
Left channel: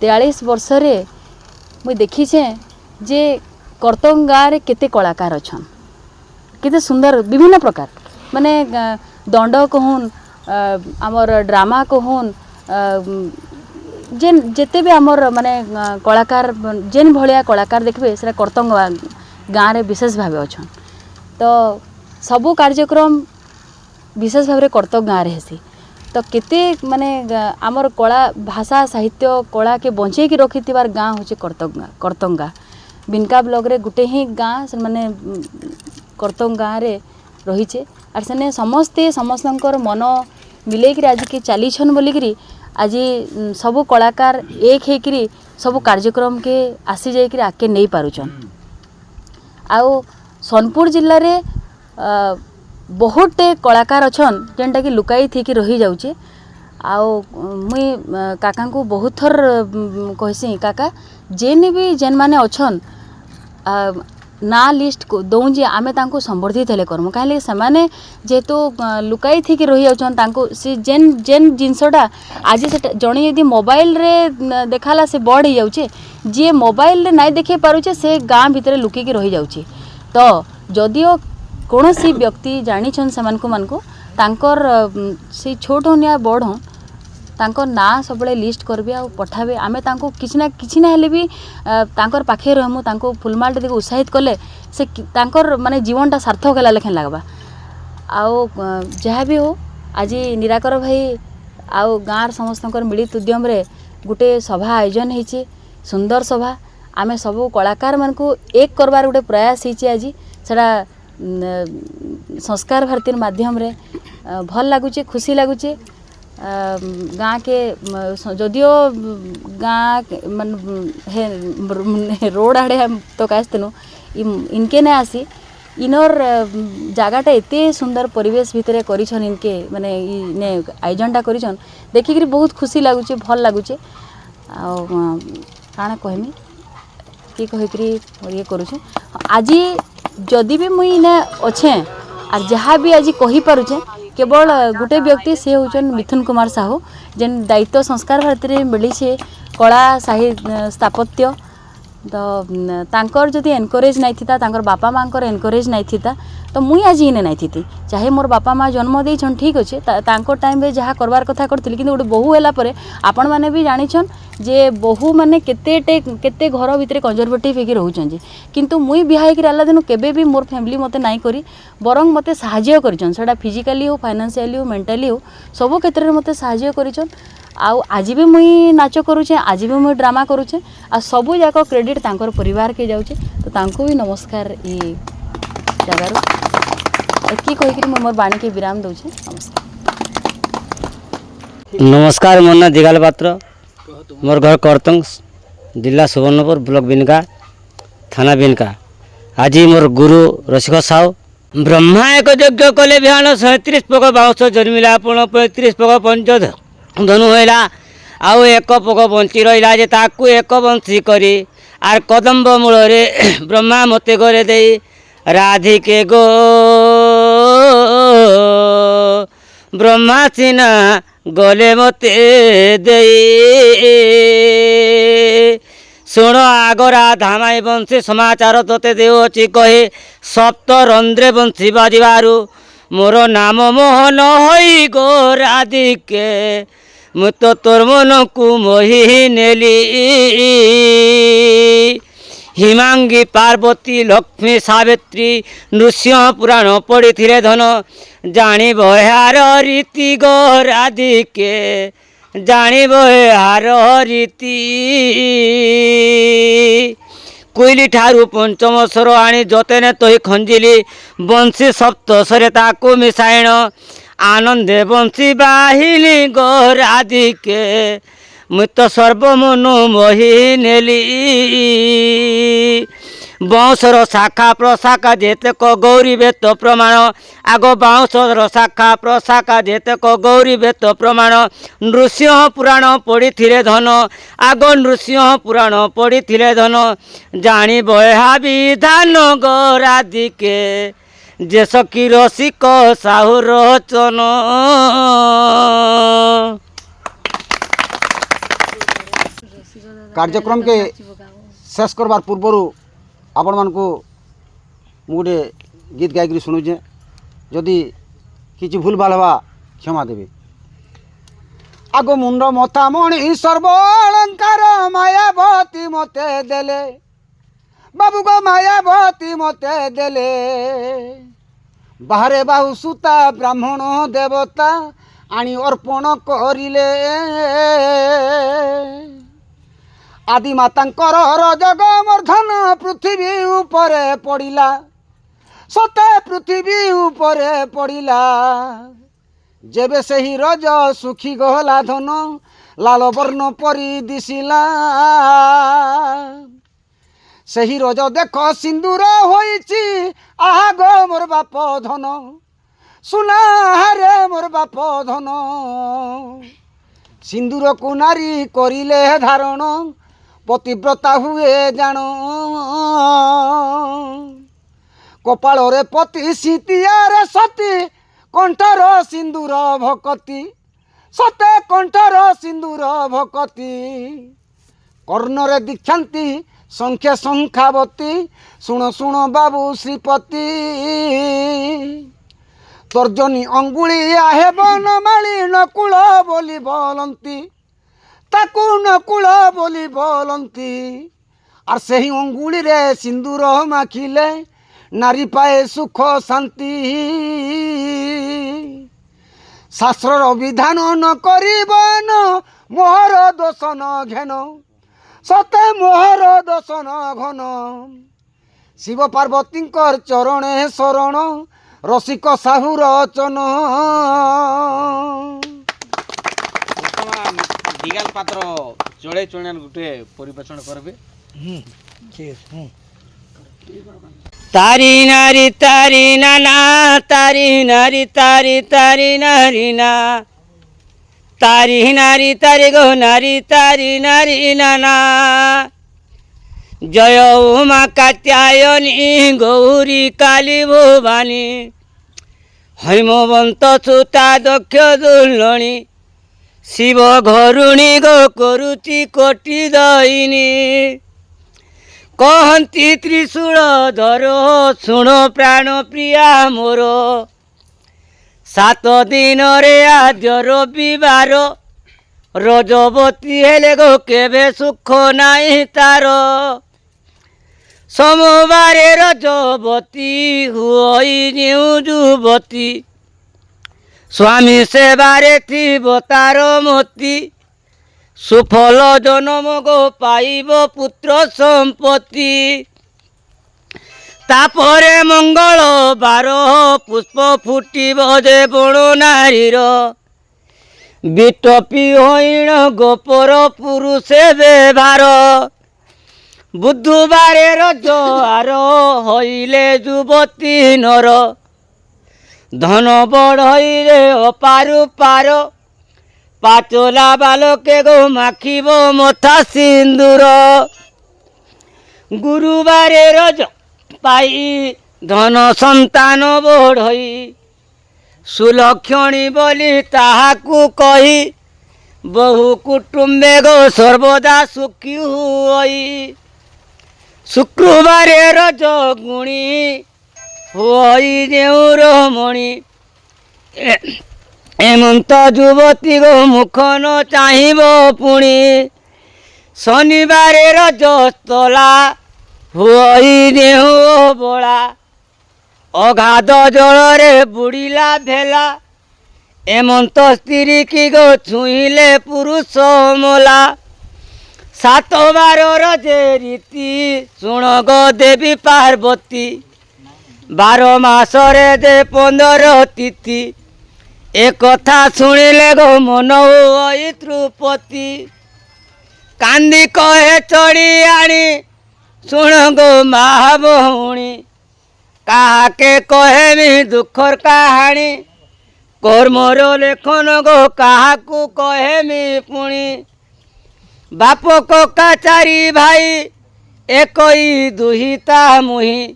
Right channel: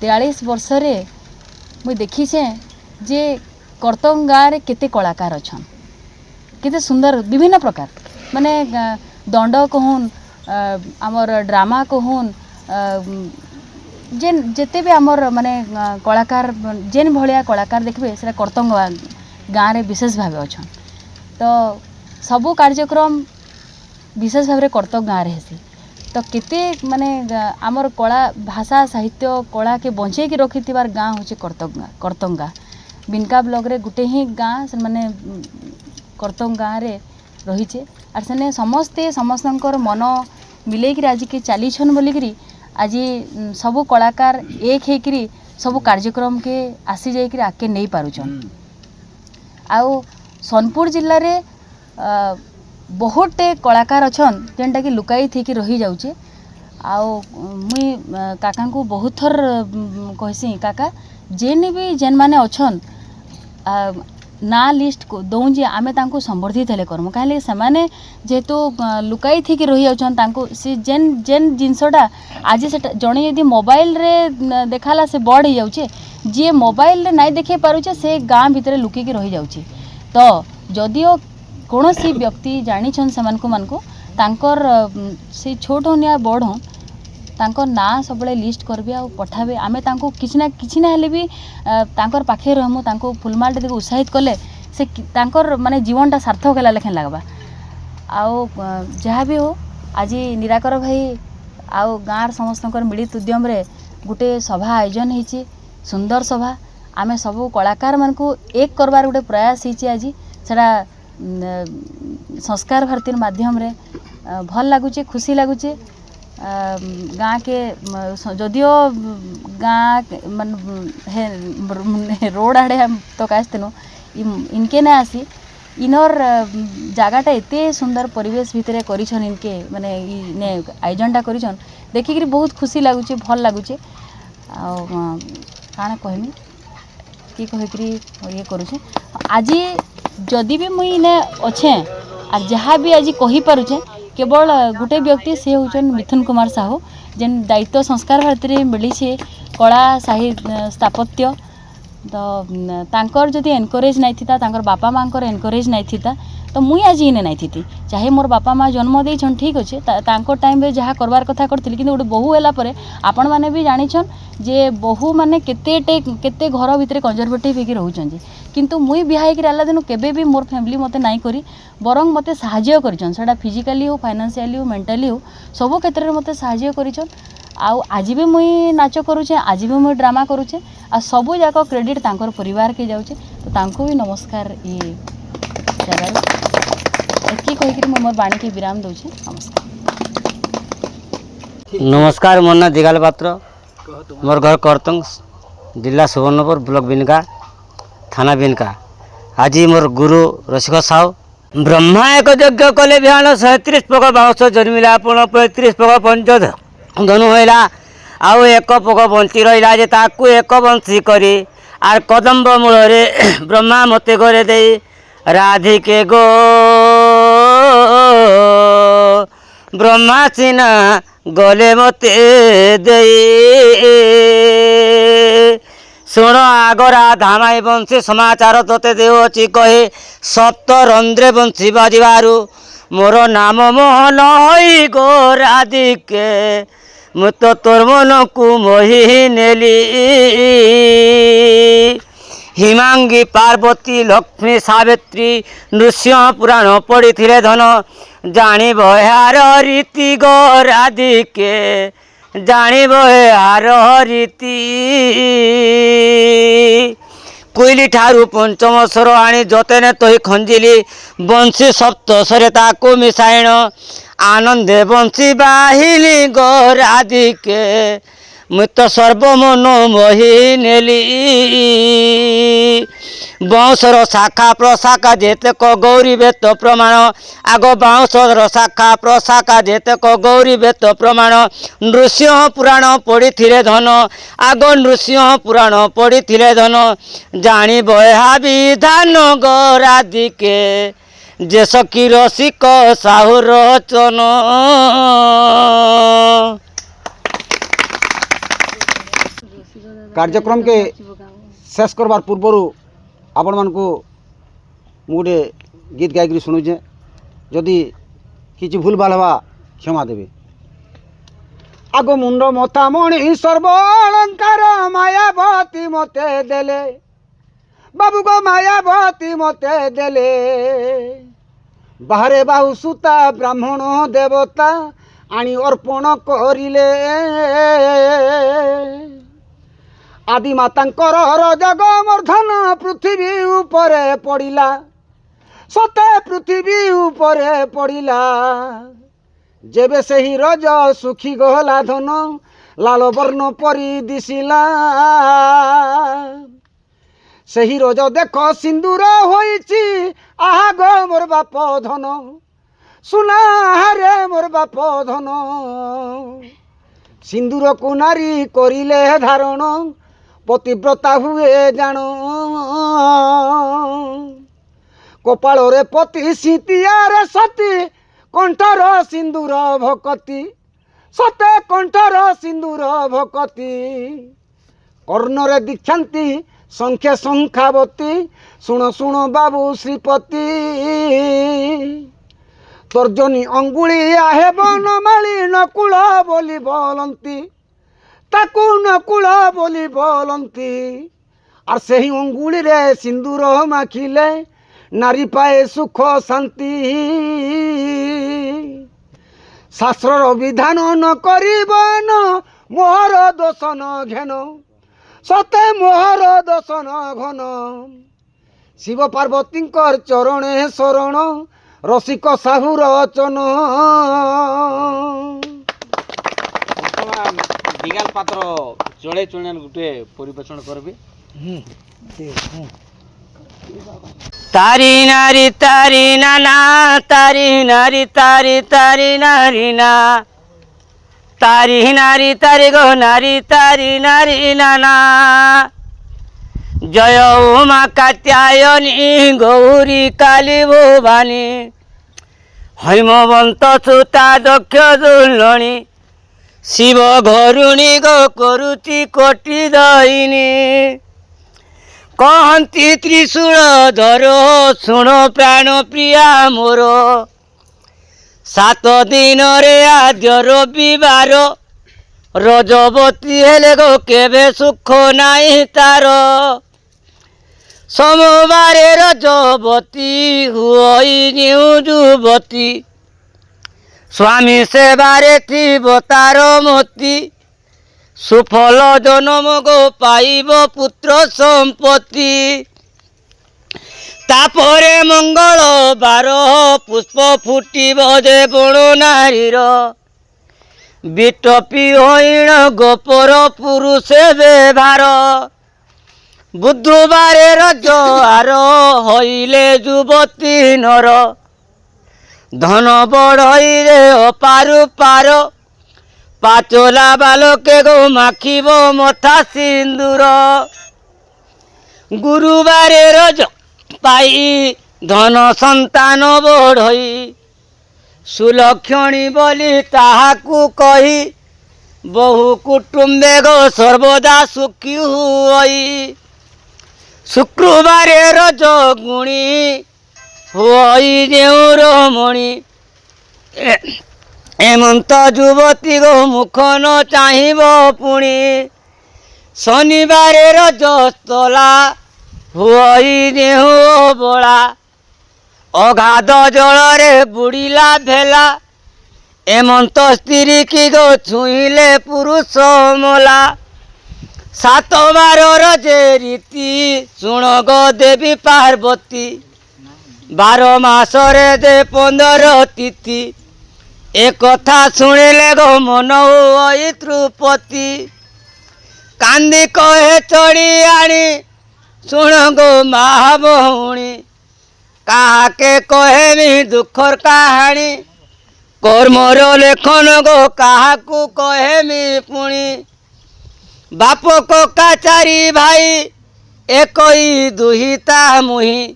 43 वर्ष रे मुई देखीछे जे कर्तन गाँव रे केते कलाकार अछन केते सुंदर विभिन्न प्रकार माने दंड कहून आमर ड्रामा कहून जेन जेते भी आमर माने कलाकार जेन भलिया कलाकार देखबे सेटा कर्तन गाँव रे विशेष भाव अछन तो सबू कार्यक्रम विशेष भाव कर्तव्य गाँव रे हेसी तो केते माने आमर कला भाषा साहित्य कला के बंचे की रखिथिबार गाँ होचे कर्तव्य गाँ। बिनका ब्लॉक रे गुटे ही गाँ से माने कर्तव्य गाँव रे रहीचे आर सेने समस्ते समस्तंकर मन मिलेकरी आज के चलीछन बोलिकरी आज सबू कलाकार एक हेकरी सबू कार्यक्रम के आसी जाइकरी आके नहीं पारुछन। आउ सोनपुर जिल्ला रे बहुत कलाकार अछन जेनटा कि लुकाई थी कि रही जाउचे। आउ मुई काका को बहुत थर कहसी काका जेन भी जेन माने अछन ना लिस्ट को दौं जे आमे तांको संबर्धित हेले करमु काहे से माने जेहेतु लुकाई थी कि रही जाउछन तांको से जेन जेन जिनसटा आज से जणे यदि मोबाइल रे देखाला से बड़ ही जाउचे जे मोबाइल रे नहीं देखे पारुचे से गाँ भितर लुकी के रही जाउचे। तो जदियो कौन सी व्यक्ति जानिछन सेमानकु मानकु तांकर से छोट हो या बड़ हो तांकर ना सब लिस्ट करबे आ पठाबे आमे तांको किछि ना हेले भी तांकर पाखे रहमु तांको फुलमाल देखि उत्साहित कले से तांकर माने जीवनटा सार्थक होला लेखन लागबा। आउ जहाँ भी हो आज निराकर भाई आउ गाँर समस्तंकर मिलित उद्यम रे गुटे सभा आयोजन होइछि सुंदर सभा आमे सबू कलाकार मानकु एक करबार गोटे प्रयास होइछि आज सेटा संस्कार भारती माध्यम रे भल लागुचे खुशी लागुचे। गाँ के जदियो गाँ मन रोड आड़े हम तो काजतेनु इनके नहीं आसी इनर जगहटा एते सुंदर परिवेश भितर करिछन इनके माने इने आयोजनटा करिछन देखिक बहुत खुशी लगुचे भल लगुचे आ काଣା कहमी कि कहिकरी ये करुछे आज जदि भी मुई इने अच्छे और जहाँ भी आज कही पारुछे केवल गोटे व्यक्ति से होचन मिथुन कुमार साहू जेन दायित्व संस्कार भारती मिली छे कला साहित्य स्थापत्य तो तांकर जदि एनकरेज नहीं थिता तांकर बापा मांकर एनकरेज नहीं थिता तो मुई आज इने नहीं थी चाहे मोर बापा माँ जन्म देछन ठीक अच्छे तांको टाइम रे जहाँ करबार कथा करथिली किंतु गोटे बहु होला परे आपण माने भी जानिछन जे बहु माने केते घर भितर कंजर्वेटिव हेकि रहउछन जे किंतु मुई बिहा हेकि आला दिन केबे भी मोर फैमिली मते नाई करी बरंग मते सहाय्य करिछन सेटा फिजिकली हो फाइनेंशियली हो मेंटली हो सब क्षेत्र में मते सहाय्य करिछन आउ आज भी मुई नाच करूछे आज भी मुई ड्रामा करूछे आ सबू जाक क्रेडिट तांकर परिवार के जाउछे तो तांको भी नमस्कार ये जगार एति कहिकरी मोर बाणी के विराम दउछे नमस्कार नमस्कार मोर ना दिगाल पात्र मोर घर करतंग जिला सुवर्णपुर ब्लॉक बिनका थाना बिनका आज मोर गुरु रसिक साहू ब्रह्मा एक यज्ञ कले बिहान 37 पग बाउंश जन्मिला पुण 35 पग पंच धनु होइला आउ एक पग बंची रहिला जे ताकू एक बंशी करी आर कदम्ब मूल रे ब्रह्मा मते घरे दे राधिके गो ब्रह्मा चिना गले मते दे शुण आगरा धामाई बंशी समाचार तोते देउछि कहे सप्त रंध्रे बंशी बाजिबारु मोर नाम मोहन होई गो राधिके मु तो तोर मन को मोहि नेली हिमांगी पार्वती लक्ष्मी सावित्री नृसिंह पुराण पढ़ी धन जानिब यार रीति गो राधिके जानिब यार रीति कोइली ठारू पंचम स्वर आनी जतने तही खंजिली बंशी सप्तस्वरे ताकू मिसाइण आनंदे बंशी बाहिली गो राधिके मु तो सर्वमन मोहि नेली बाउंसर शाखा प्रशाखा जेतक गौरी बेत प्रमाण आग बाउंसर शाखा प्रशाखा जेतक गौरी बेत प्रमाण नृसिंह पुराण पढ़ी धन आग नृसिंह पुराण पढ़ी धन जानी बहा विधान गो राधिके जे सखी रसिक साहू रचन कार्यक्रम के शेष करबार पूर्व आपण मानकु गोटे गीत गायक शुणुचे जदि किसी भूल भाल हवा क्षमा देवे आगो मुंड मथा मणि सर्व अलंकार मायावती मते देले बाबू गो मायावती मते देले बाहरे बाहु सुता ब्राह्मण देवता आनी अर्पण करिले आदि मातांकर जग मर्धन पृथ्वी उपरे पड़िला सते पृथ्वी उपरे पड़िला जेबे सही रज सुखी गहला धन लाल वर्ण परी दिशिला सही रज देख सिंदूर होइछि आहा गो मोर बाप धन सुना हारे मोर बाप धन सिंदूर को नारी करिले धारण पतिव्रता हुए जान कपाल रे पति सीतियारे सती कंठर सिंदूर भकती सते कंठर सिंदूर भकती कर्णरे दीक्षांती संख्या संखावती शुण शुण बाबू श्रीपति तर्जनी अंगुली आहे बनमाली नकुल बोली बोलंती ताकू नकुल बोली बोलंती और सही अंगुली रे सिंदूर माखिले नारी पाए सुख शांति शास्त्र विधान न करिबन मोहर दोष न घेन सते मोहर दोष न घन शिव पार्वती चरणे शरण रसिक साहू रचन दिगाल पात्र चढ़े चढ़े गोटे परिवेषण करबे ठीक है तारी नारी तारी नाना तारी नारी तारी तारी नारी ना तारी नारी तारी गो नारी तारी नारी नाना जय उमा कात्यायनी गौरी काली भवानी हैमवंत सुता दक्ष दुलणी शिव घरुणी गो करुची कोटि दहिनी कहती त्रिशूल धर शुण प्राण प्रिया मोर 7 दिन रे आद्य रविवार रजबती हेले गो केबे सुख नाई तार सोमवारे रजबती हुई न्यू जुबती स्वामी सेवारे थिब तार मती सुफल जन्म गो पाइब पुत्र संपत्ति तापरे मंगलवार पुष्प फुटिब जे बण नारीर बिटपी हईण गोपर पुरुषे व्यवहार बुधवारे रजहार हईले युवती नर धन बढ़ई रे अपारु पार पाचला बालके गो माखिब मथा सिंदूर गुरुवारे रज पाई धन संतान बढ़ई सुलक्षणी बोली ताहाकू कही बहु कुटुंबे गो सर्वदा सुखी हुई शुक्रवारे रज गुणी हुई देउर मणि एमंत युवती गो मुख न चाहिब पुणी शनिवारे रजस्तला हुई देहु बड़ा अगाध जलरे बुड़ीला भेला एमंत स्त्री की गो छुईले पुरुष मला 7 बार रजे रीति शुण गो देवी पार्वती 12 मासरे दे 15 तिथि ए कथा शुणिले गो मन हुई त्रुपति कांदी कहे चढ़ी आनी शुण गो महाभौणी काके कहेमी दुखर कहानी कर्मर लेखन गो काहाकू कहेमी पुणी बाप कका 4 भाई एकई दुहिता मुही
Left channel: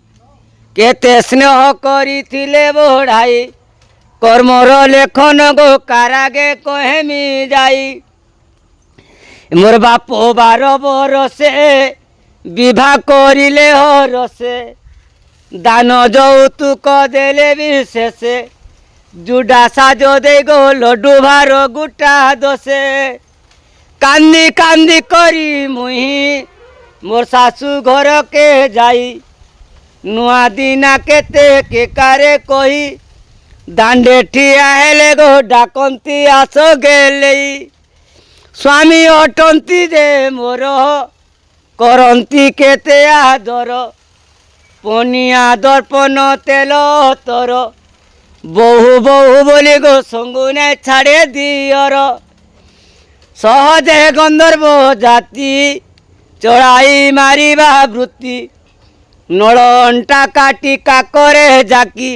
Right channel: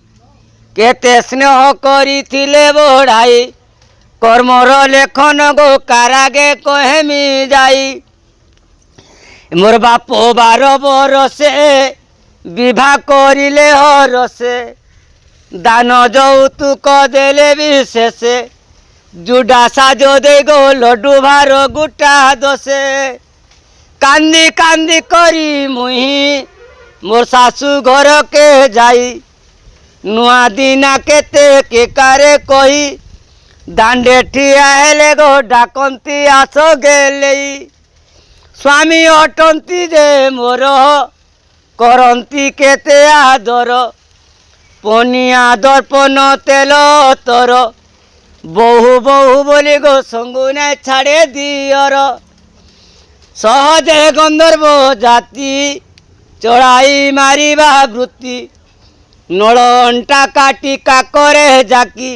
केते स्नेह करिथिले बढ़ाई कर्मर लेखन गो कारागे कहेमी जाई मोर बाप 12 बरसे विवाह करिले हरसे दान यौतुक देले विशेषे जुडा साजो दे गो लड्डू भार गुटा दसे कांदी कांदी करी मुही मोर सासू घर के जाई नुआ दिना केते के कारे कही दांडे ठिया हेले गो डाकंती आस गेले स्वामी अटंती जे मोर करंती केते आदर पनिया दर्पण तेल तर बहु बहु बोली गो संगुने छाड़े दियर सहजे गंधर्व जाति चढ़ाई मारिबा वृत्ति नल अंटा काटी काकरे जाकी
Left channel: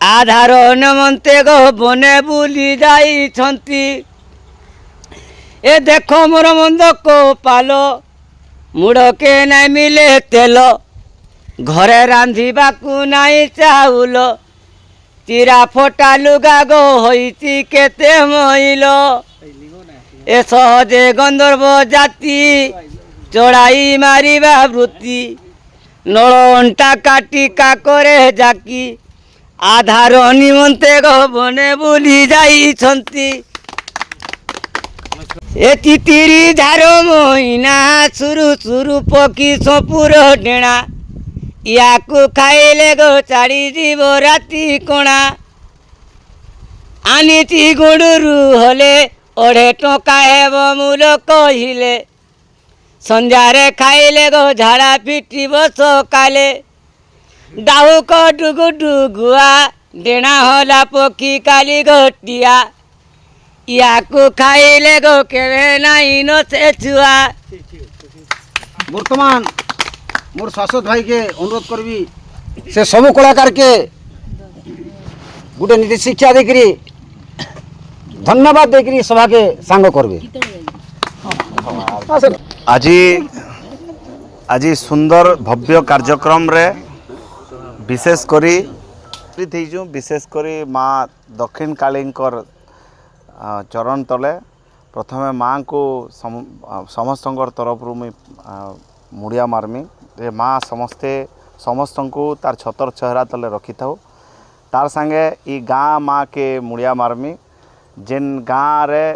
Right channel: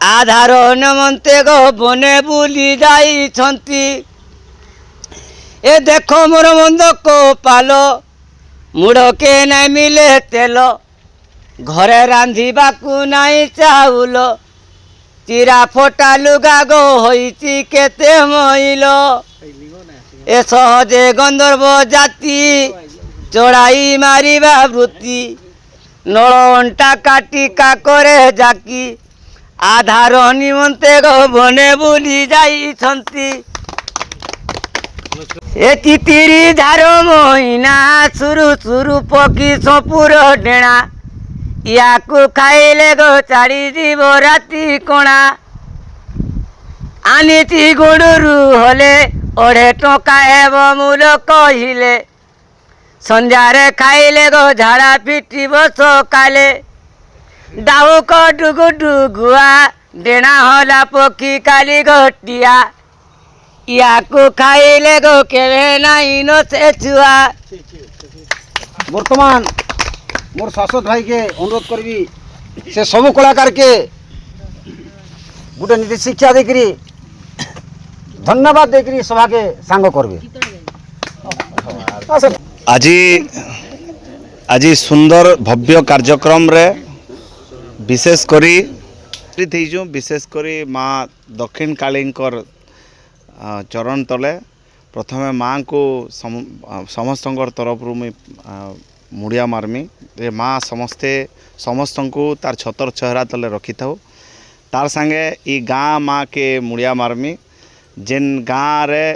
आधार निमंते गो बने बुली जाई छंती ए देखो मोर मंद को पालो मुड़ के नहीं मिले तेल घरे रांधिबाकू नहीं चाउल चिरा फोटा लुगा गो होईची केते मइल ए सहजे गंधर्व जाति चढ़ाई मारिबा वृत्ति नल अंटा काटी काकरे जाकी आधार निमंते गो बने बुली जाई छंती ए तितिरी धार महीना सुरु सुरु पकी सपुर डेणा याकू खाइले गो चाड़ी जीव राति कोणा आनीति गुड़रू हले 2.5 टंका हेब मूल कहिले संध्यारे खाइले गो झाड़ा पिटिब सकाले डाहुक डुगु डुगुआ डेणा हला पक्षी काली घटिया याकू खाइले गो केवे नाई न से छुआ बर्तमान मोर शाश्वत भाई के अनुरोध करबी से सब कलाकार के गोटे नीति शिक्षा देकरी धन्यवाद देकरी सभा के सांग करबे। आज सुंदर भव्य कार्यक्रम रे विशेष करी विशेष करी माँ दक्षिण कालींकर चरण तले प्रथमे माँ को समस्त तरफ मुई मुड़िया मारमी जे माँ समस्त को तार छतर चेहरा तले रखी था तार संगे ई गाँ माँ के मुड़िया मारमी जेन गाँ रे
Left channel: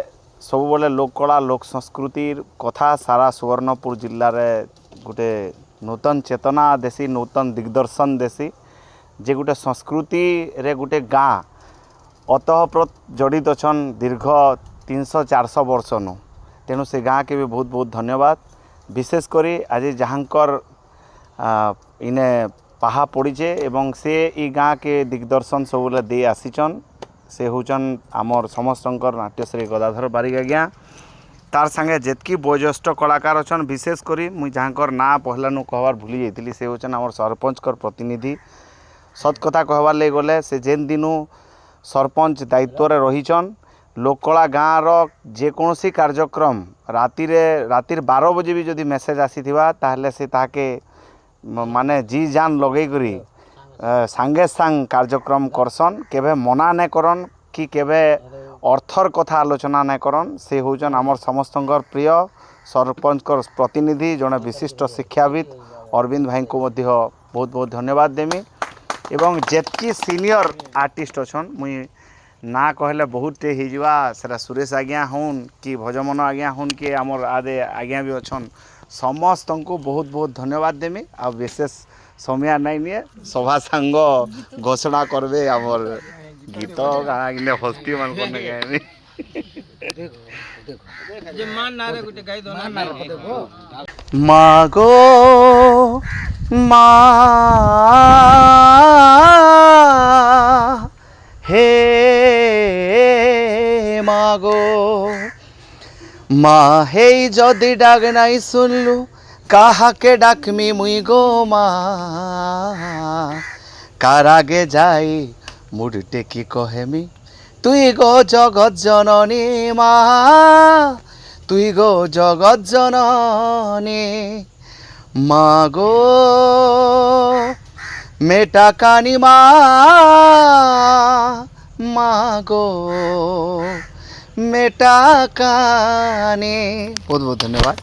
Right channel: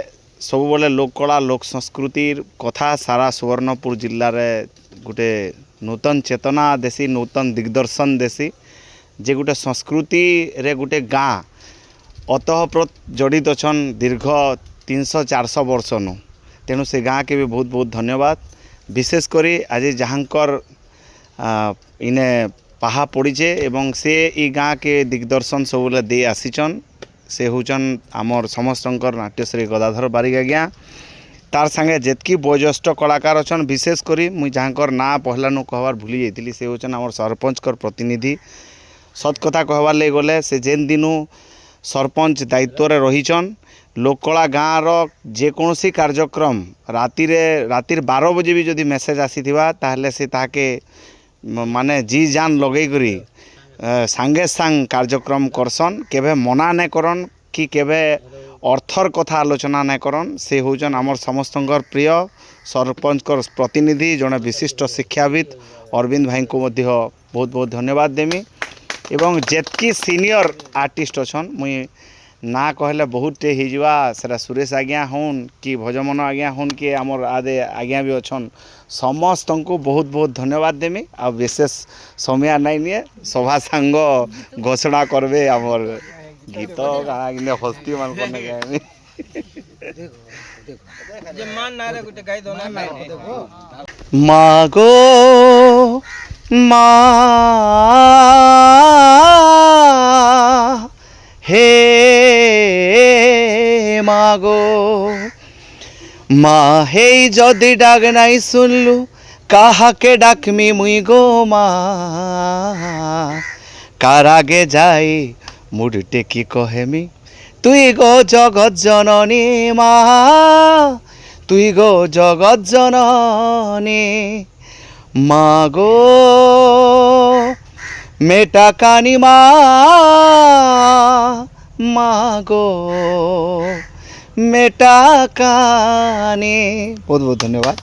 सब बोले लोककला लोक संस्कृतिर कथा सारा सुवर्णपुर जिल्ला रे गोटे नूतन चेतना देसी नूतन दिग्दर्शन देसी जे गोटे संस्कृति रे गोटे गाँ अतःप्रत जड़ित अछन दीर्घ 300-400 वर्ष नु तेणु से गाँ के भी बहुत बहुत धन्यवाद। विशेष करी आज जहाँकर इने पाहा पड़ीचे एवं से ई गाँ के दिग्दर्शन सब दे आसीचन से होचन आमर समस्तंकर नाट्यश्री गदाधर बारिक आज्ञा तार संगे जेतकी वयोज्येष्ठ कलाकार अछन विशेष करी मुई जहाँकर ना पहलानु कहबार भूली जाइतिली से होचन आमर सरपंचकर प्रतिनिधि। सत कथा कहबार ले गले से जेन दिनु सरपंच दायित्व रे रहीचन लोककला गाँव जेकोसी कार्यक्रम रातिर 12 बजे भी जदि मेसेज आसीथिबा ताहले से ताके माने जी जान लगई करी सांगे सांग कार्यक्रम करसन केबे मना नहीं करन कि केबे अर्थर कथा आलोचना नहीं करन से होचन आमर समस्तंकर प्रिय सरपंचकर प्रतिनिधि जड़े विशिष्ट शिक्षाविद अरविंद भाई को मध्य बहुत बहुत धन्यवाद देमी एवं जेतकी सीनियर आर्टिस्ट अछन मुई ना कहले बहुत टे हिजवा सेरा सुरेश आज्ञा हन कि भजमन आज्ञा हन कि आमर आदे आज्ञा भी अच्छन समस्त को बहुत बहुत धन्यवाद देमी आ विशेष समय नहीं निए सभा सांग घोषणा करबे आमर गीत गाना गिने हस्ती मान करने गाएमी मागो मा हे मागो माँ हे जदि डाक नाई सुनलु काहा के डाकमी मुई गो माँ कार आगे जाई मुड़ टेकी कहेमी तुई गो जगत जननी माँ तुई गो जगत जननी मागो मेटा कानी मागो मेटा कानी बहुत बहुत धन्यवाद।